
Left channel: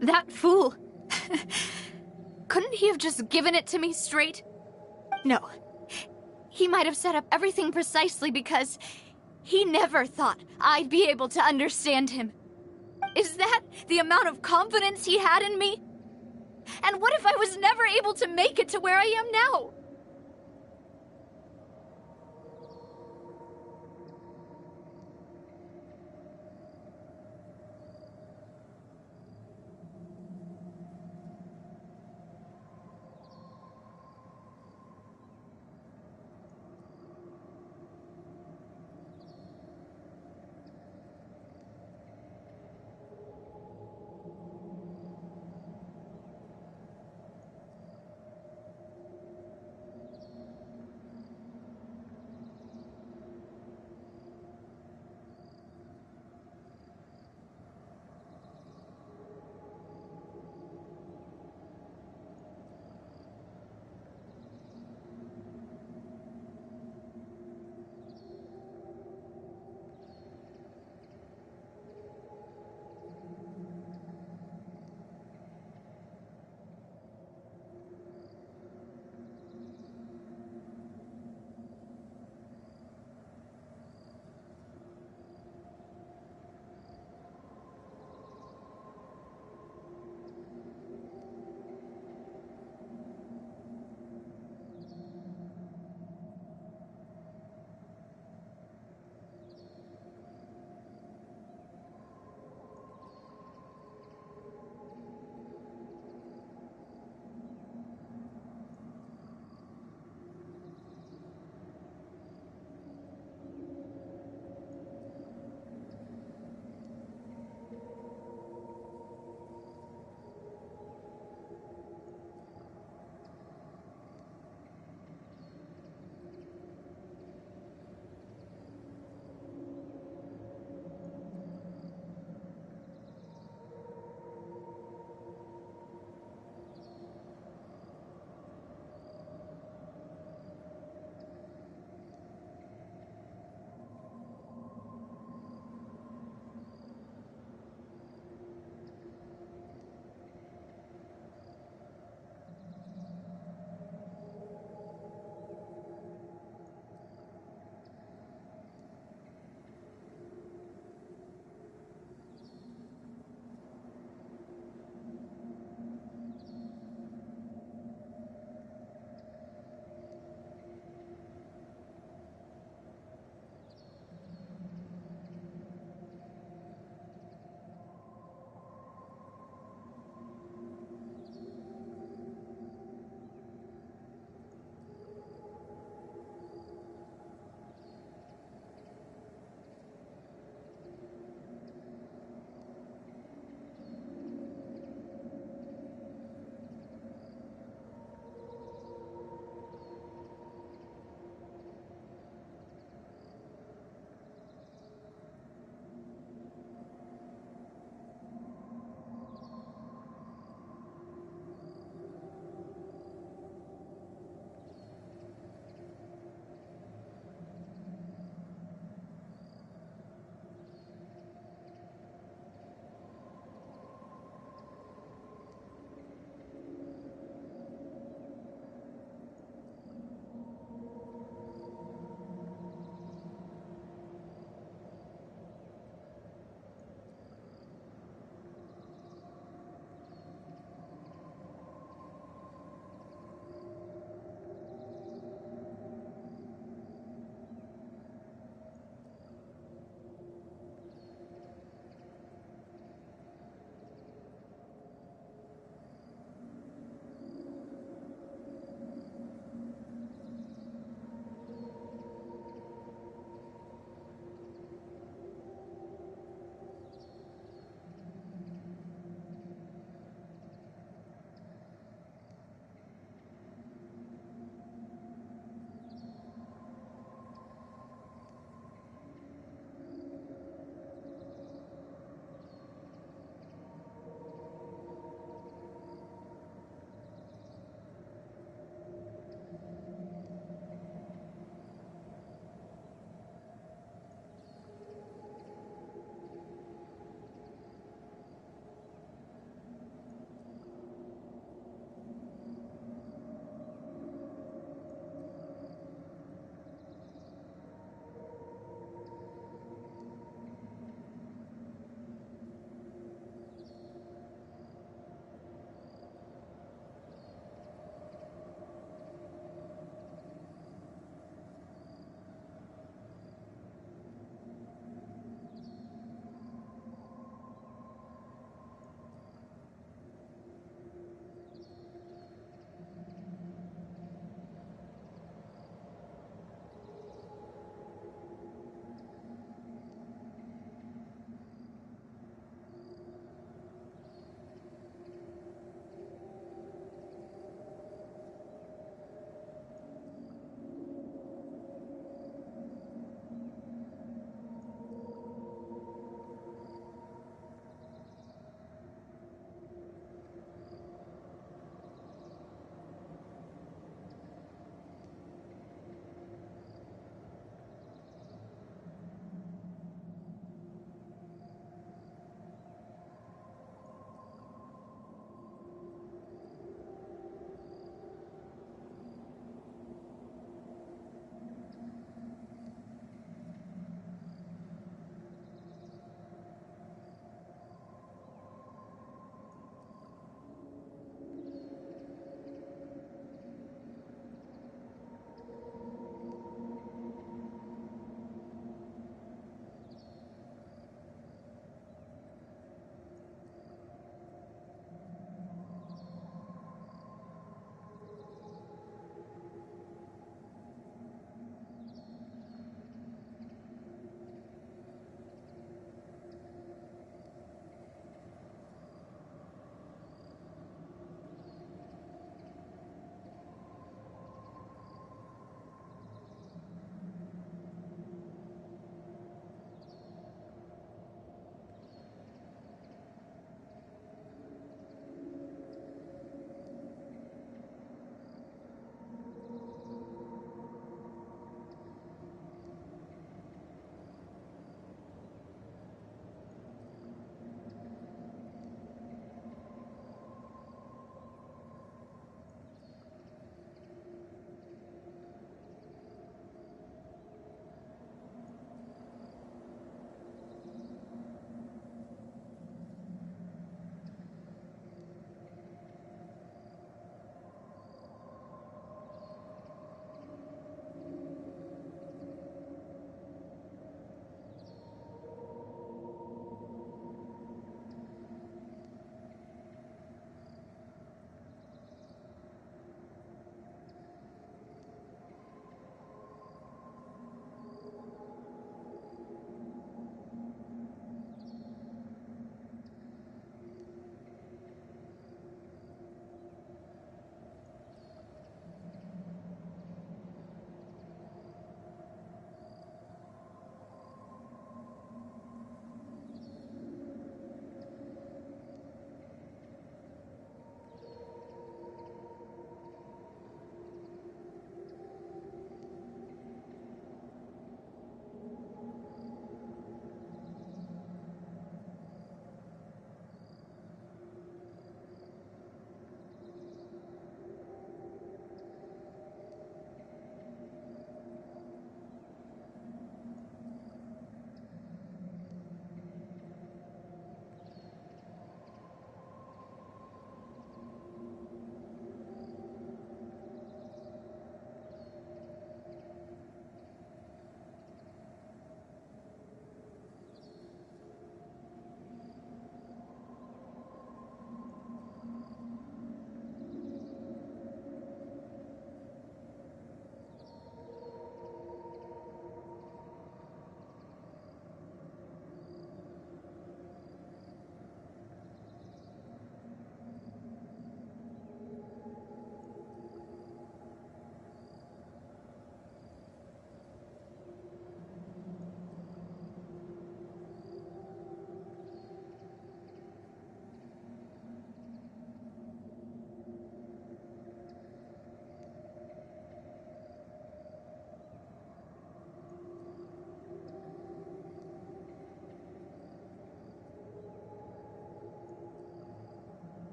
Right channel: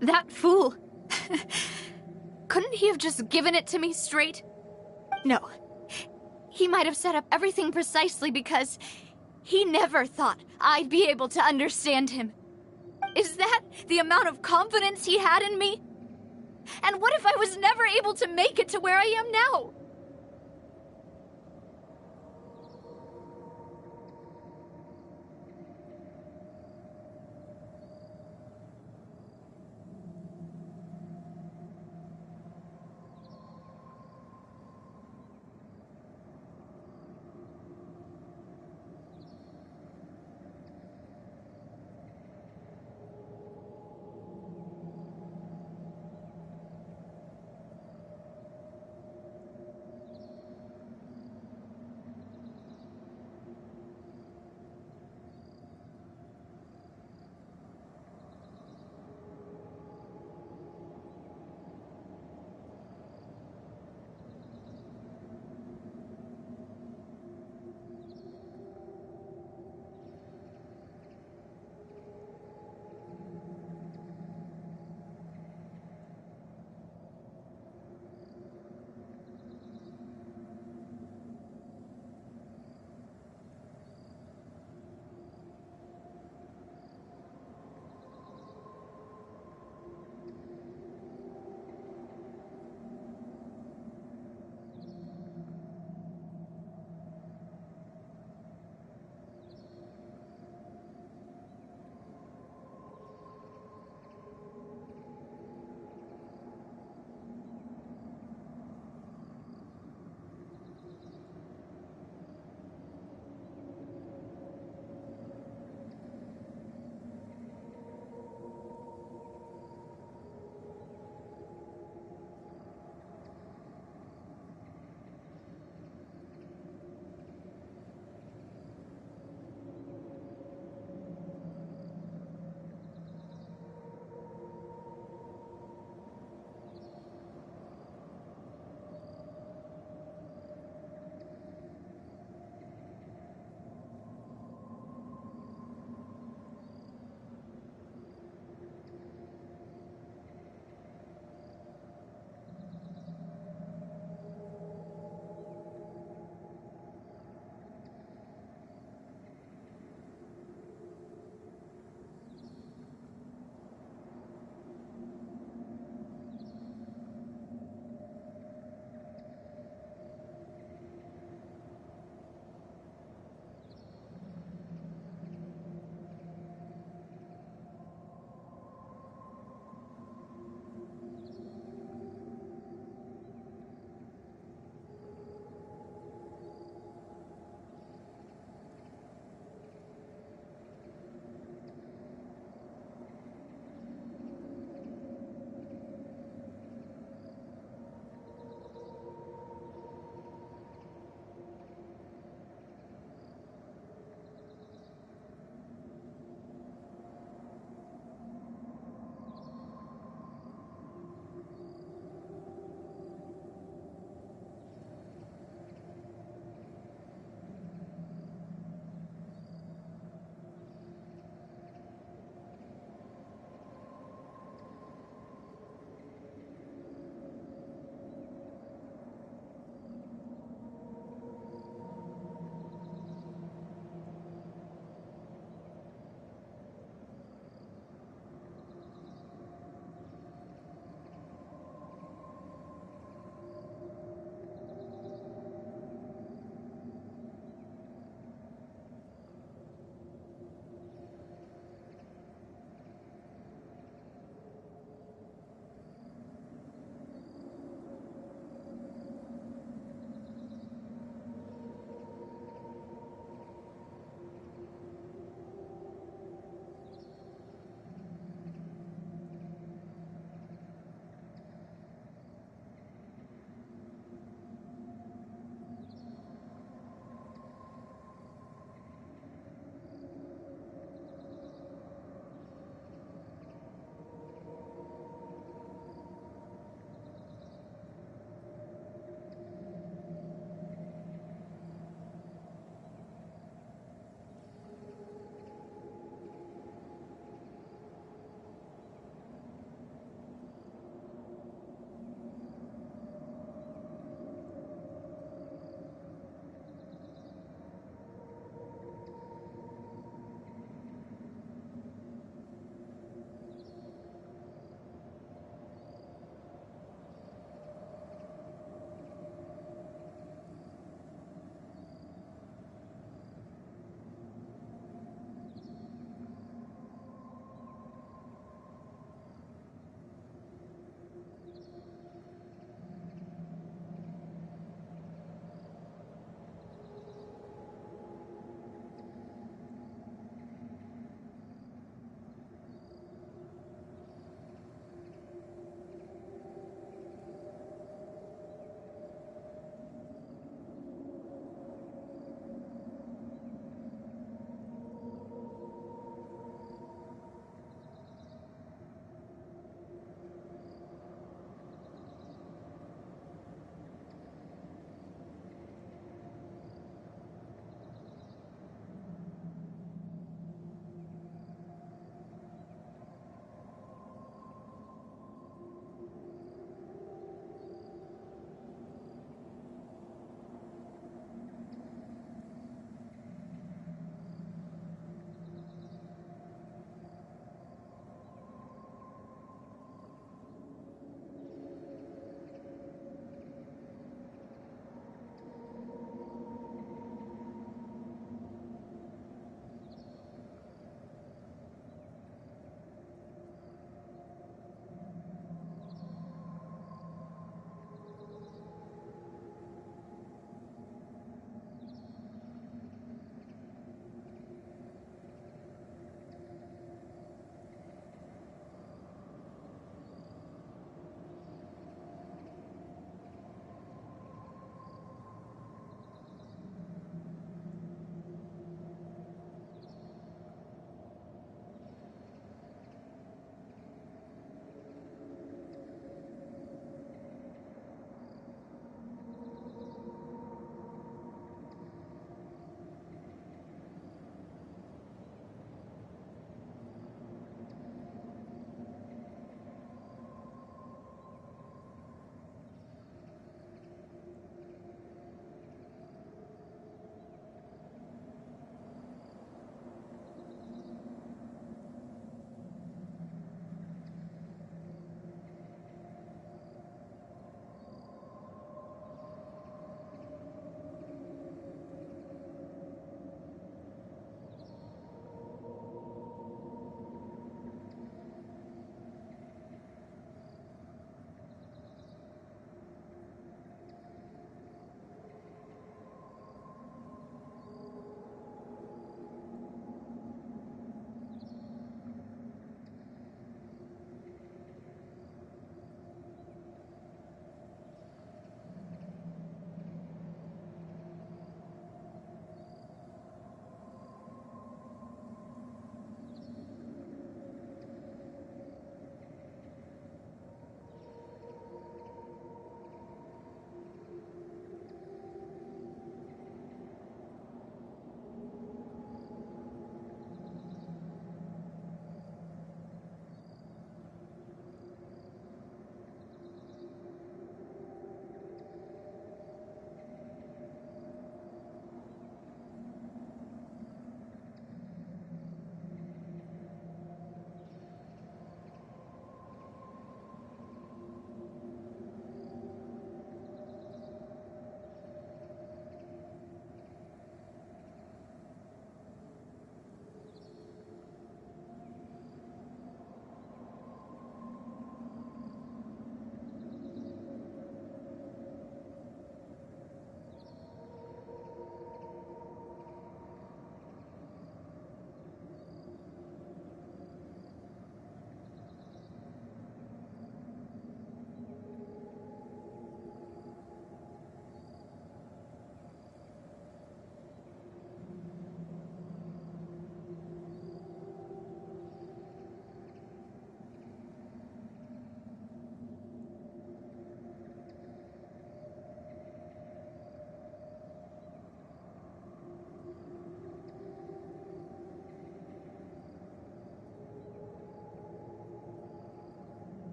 That fool. Couldn't he have just given it to me straight? No. He might have set up everything precisely because he never thought I'd be able to understand him. Is that the amount of confidence he had in me? And what if I was never able to make it to where I am now?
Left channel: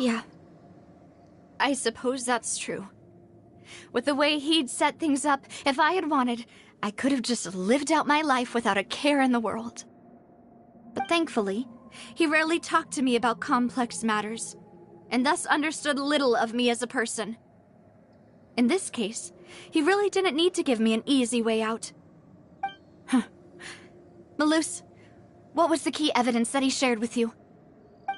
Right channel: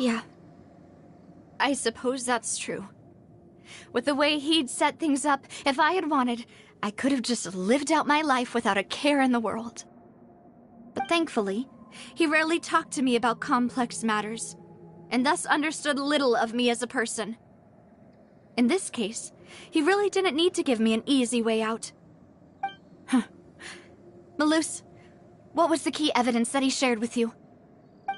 Yeah. I suppose that's true. With the way he'd set things up, if I had wanted, I could have just lived out my life without a care in the world. But thankfully, he rarely talked to me about complex matters, and thus understood little of me as a person. In this case, he really didn't need to give me an easy way out. Huh. Malus, what was the key evidence that he shared with you?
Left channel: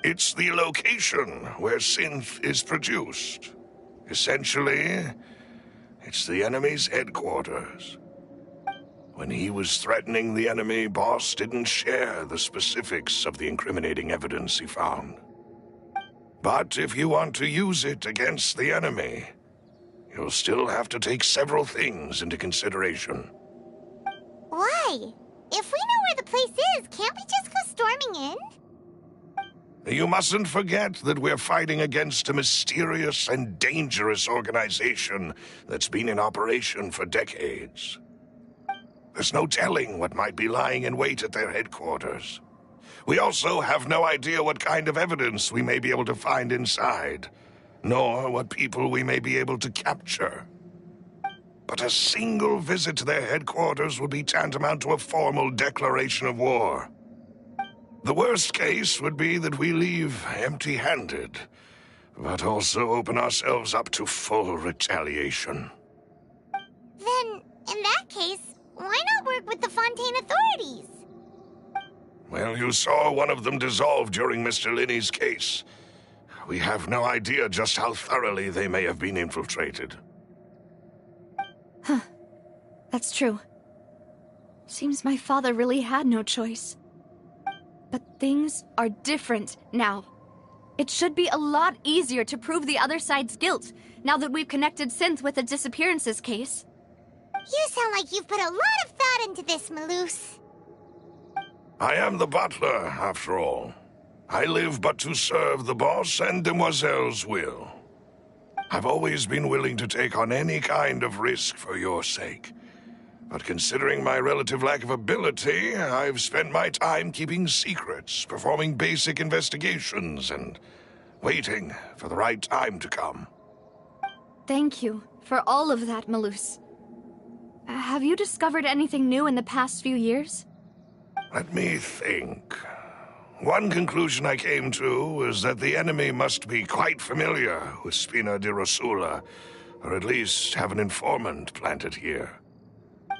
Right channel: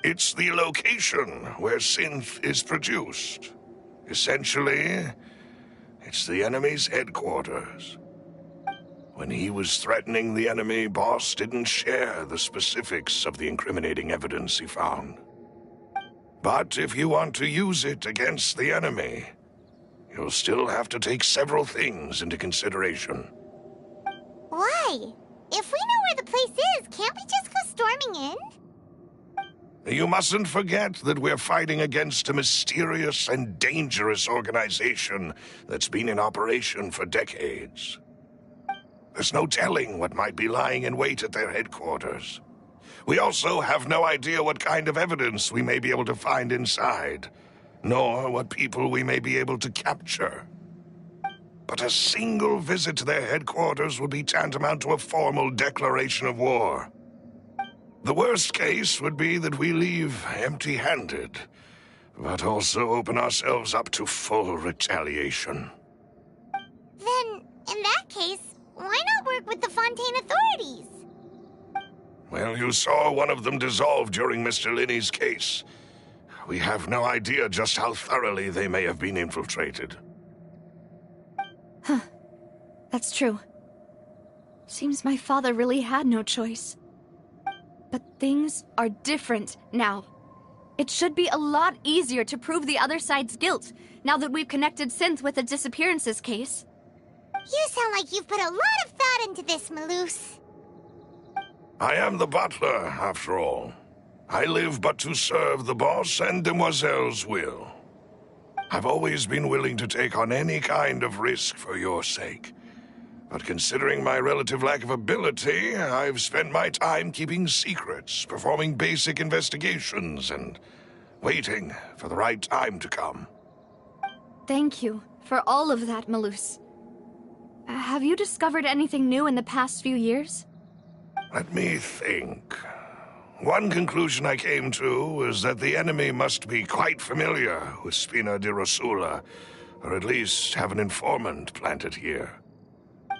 It's the location where synth is produced. Essentially, it's the enemy's headquarters. When he was threatening the enemy, Boss didn't share the specifics of the incriminating evidence he found. But if you want to use it against the enemy, you'll still have to take several things into consideration. Why? If we know where the place is, can't we just go storming in? You mustn't forget that we're fighting against a mysterious and dangerous organization that's been in operation for decades. There's no telling what might be lying in wait at their headquarters. We also have no idea what kind of evidence we may be able to find inside, nor what people we may be able to capture. But a single visit to their headquarters would be tantamount to a formal declaration of war. The worst case would be that we leave empty-handed, but also open ourselves up to full retaliation. Then, in that case, why not work with the Fontaine authorities? Well, you saw one of them dissolve during Mr. Linney's case. We have no idea just how thoroughly they may have been infiltrated. Huh. That's true. Seems my father really had no choice. But things are different now. It should be a lot easier to prove the other side's guilt, now that we've connected Synth with the disappearances case. You sound like you've put a lot of thought into this, Malus. I am the butler, after all. I live but to serve the boss and Demoiselle's will. I've always been willing to take on any kind of risk for your sake. But considering my relative lack of ability, I've spent my time keeping secrets, performing basic investigations, and waiting for the right time to come. Thank you for all of that, Malus. Have you discovered anything new in the past few years? Let me think. One conclusion I came to was that the enemy must be quite familiar with Spina di Rosula, or at least have an informant planted here.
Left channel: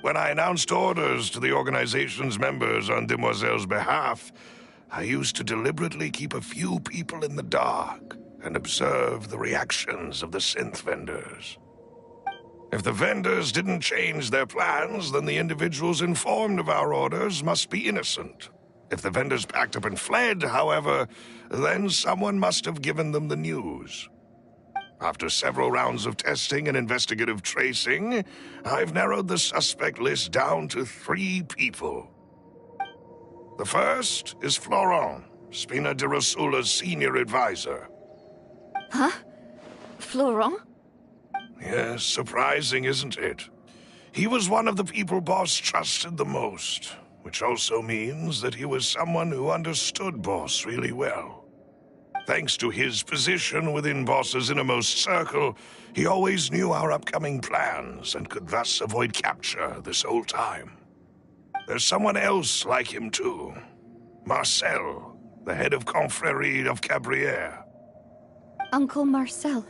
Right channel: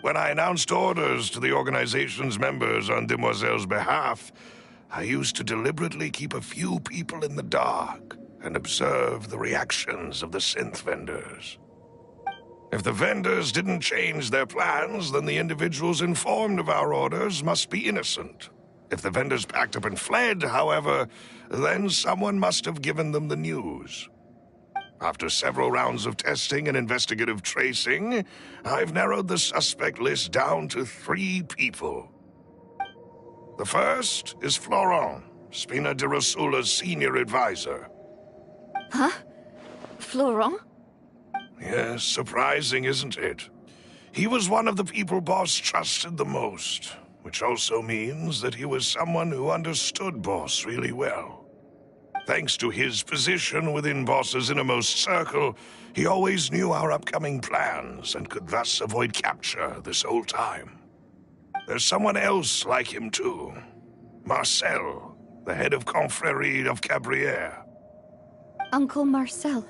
When I announced orders to the organization's members on Demoiselle's behalf, I used to deliberately keep a few people in the dark and observe the reactions of the synth vendors. If the vendors didn't change their plans, then the individuals informed of our orders must be innocent. If the vendors packed up and fled, however, then someone must have given them the news. After several rounds of testing and investigative tracing, I've narrowed the suspect list down to 3 people. The first is Florent, Spina di Rosula's senior advisor. Huh? Florent? Yes, surprising, isn't it? He was one of the people Boss trusted the most, which also means that he was someone who understood Boss really well. Thanks to his position within Boss's innermost circle, he always knew our upcoming plans and could thus avoid capture this whole time. There's someone else like him too. Marcel, the head of Confrérie of Cabrières. Uncle Marcel.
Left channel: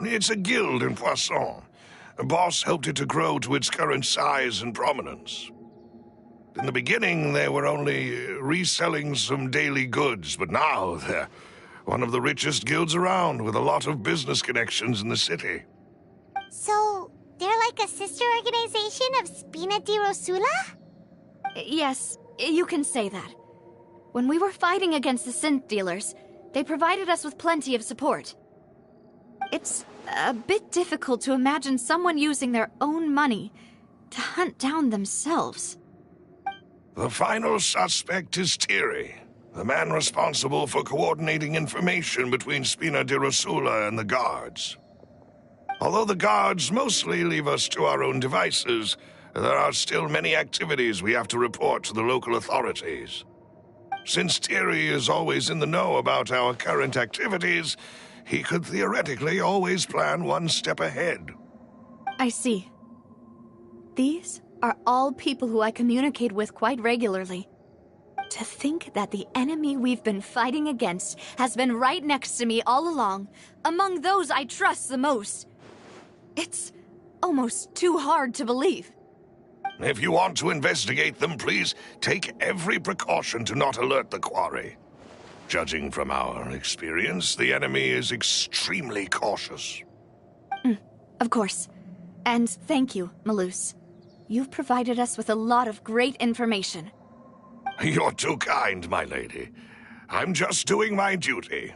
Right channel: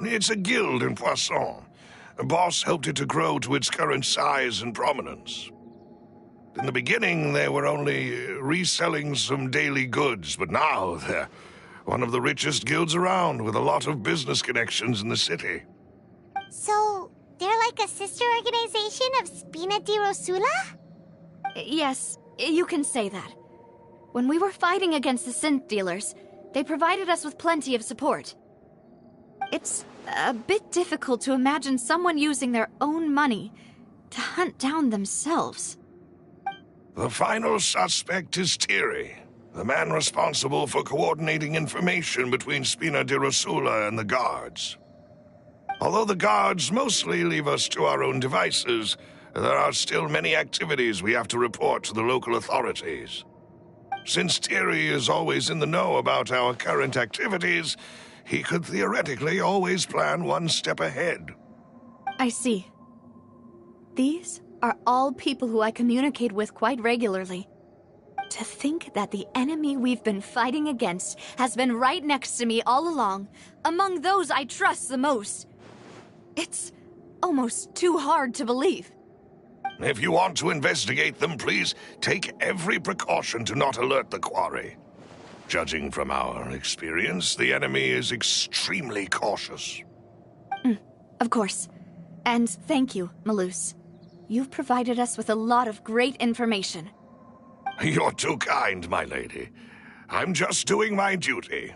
It's a guild in Poisson. A boss helped it to grow to its current size and prominence. In the beginning, they were only reselling some daily goods, but now they're one of the richest guilds around, with a lot of business connections in the city. So, they're like a sister organization of Spina di Rosula? Yes, you can say that. When we were fighting against the synth dealers, they provided us with plenty of support. It's a bit difficult to imagine someone using their own money to hunt down themselves. The final suspect is Thierry, the man responsible for coordinating information between Spina di Rosula and the guards. Although the guards mostly leave us to our own devices, there are still many activities we have to report to the local authorities. Since Thierry is always in the know about our current activities, he could theoretically always plan one step ahead. I see. These are all people who I communicate with quite regularly. To think that the enemy we've been fighting against has been right next to me all along, among those I trust the most. It's almost too hard to believe. If you want to investigate them, please take every precaution to not alert the quarry. Judging from our experience, the enemy is extremely cautious. Of course. And thank you, Malus. You've provided us with a lot of great information. You're too kind, my lady. I'm just doing my duty.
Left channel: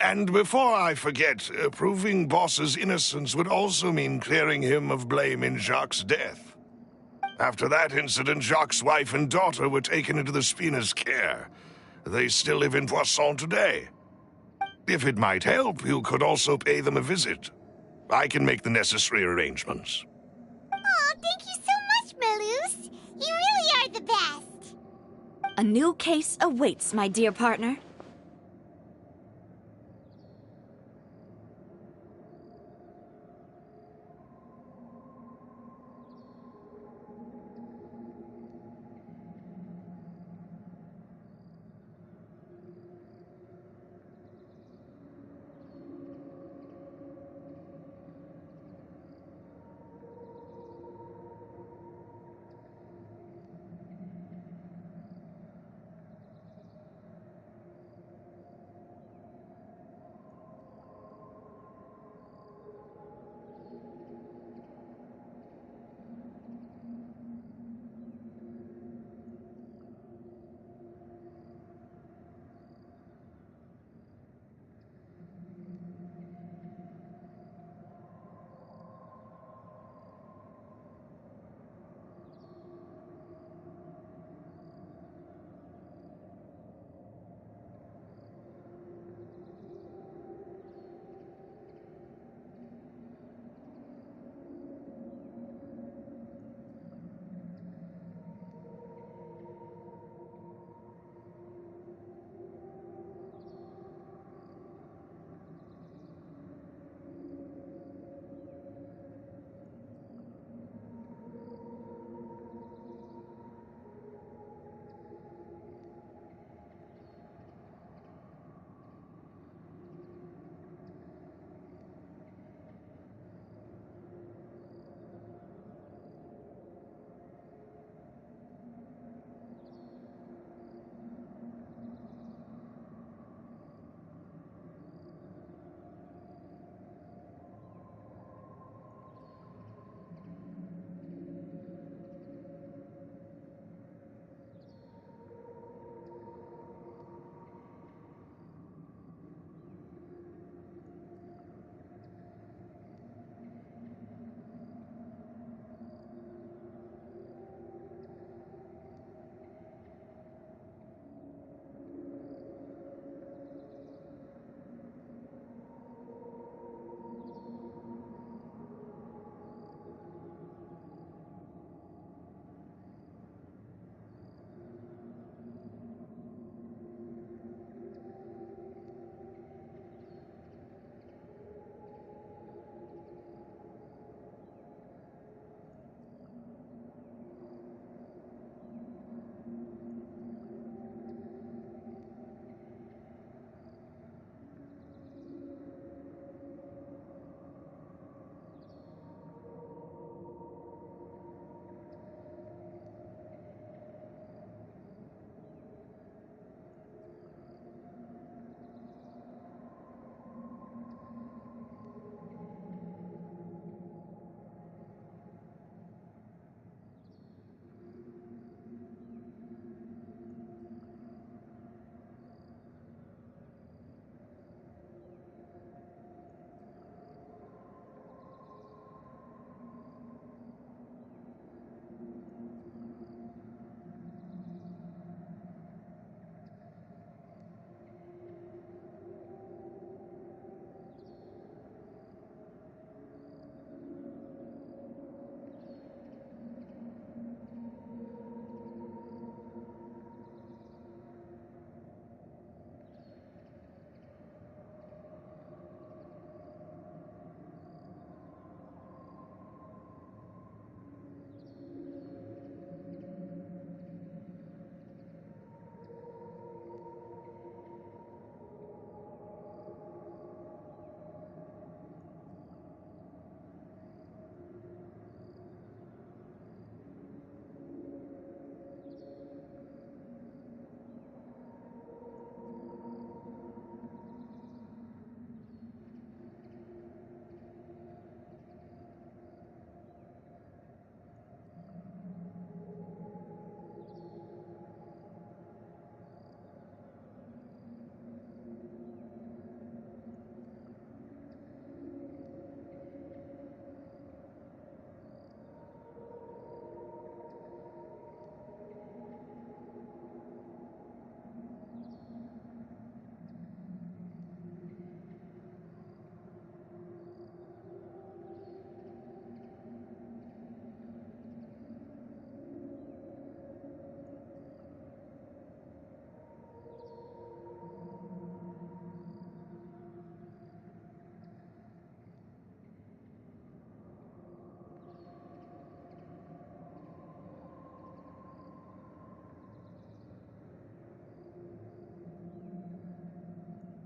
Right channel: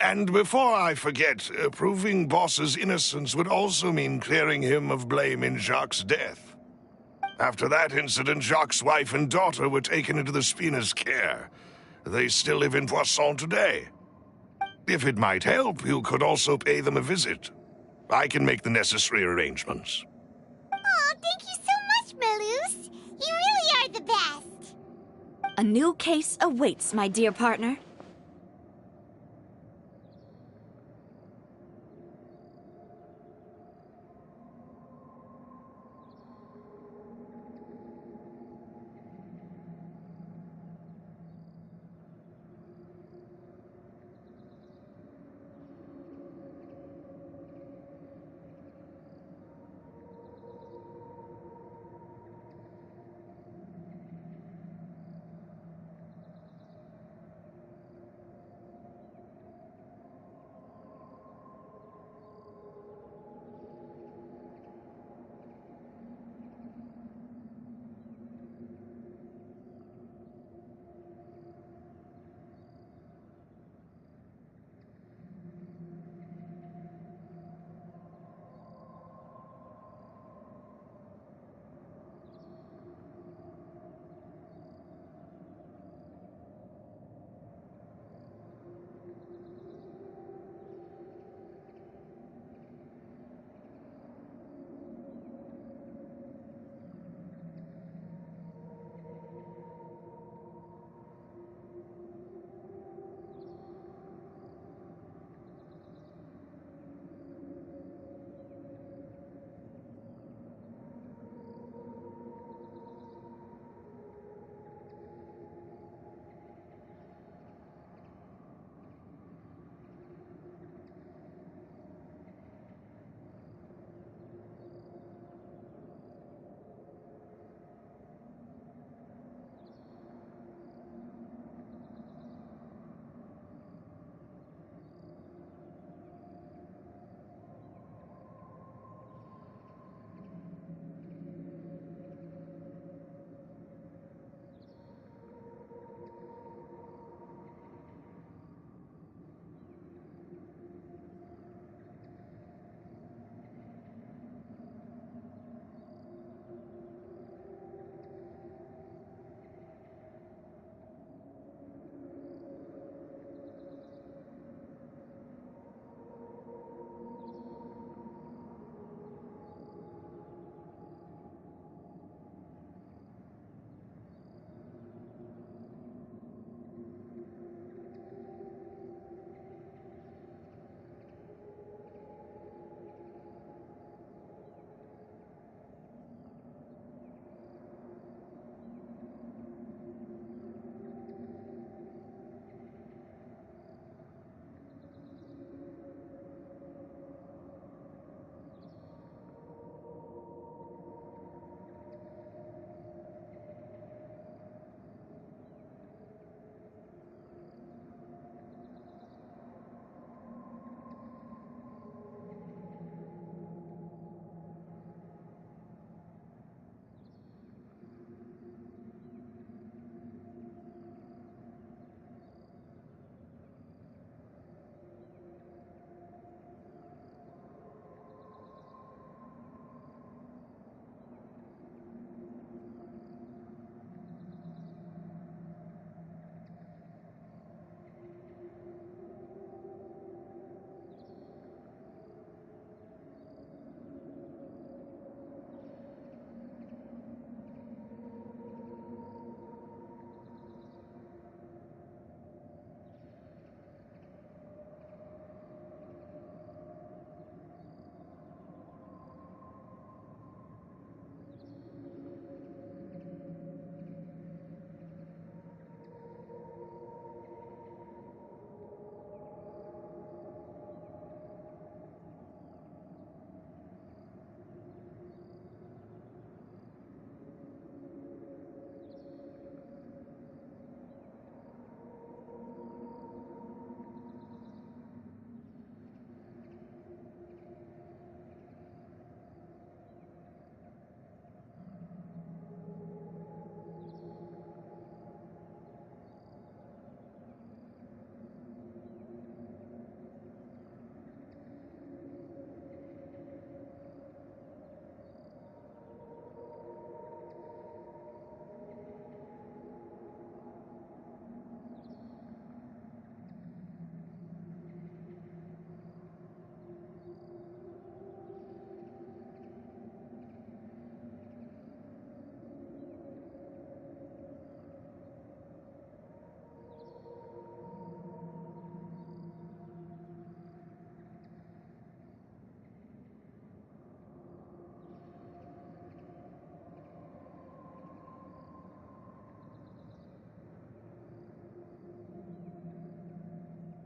And before I forget, proving Boss's innocence would also mean clearing him of blame in Jacques' death. After that incident, Jacques' wife and daughter were taken into the Spina's care. They still live in Poisson today. If it might help, you could also pay them a visit. I can make the necessary arrangements. Oh, thank you so much, Malus. You really are the best. A new case awaits, my dear partner.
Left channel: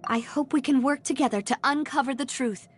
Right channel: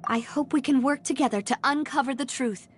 I hope we can work together to uncover the truth.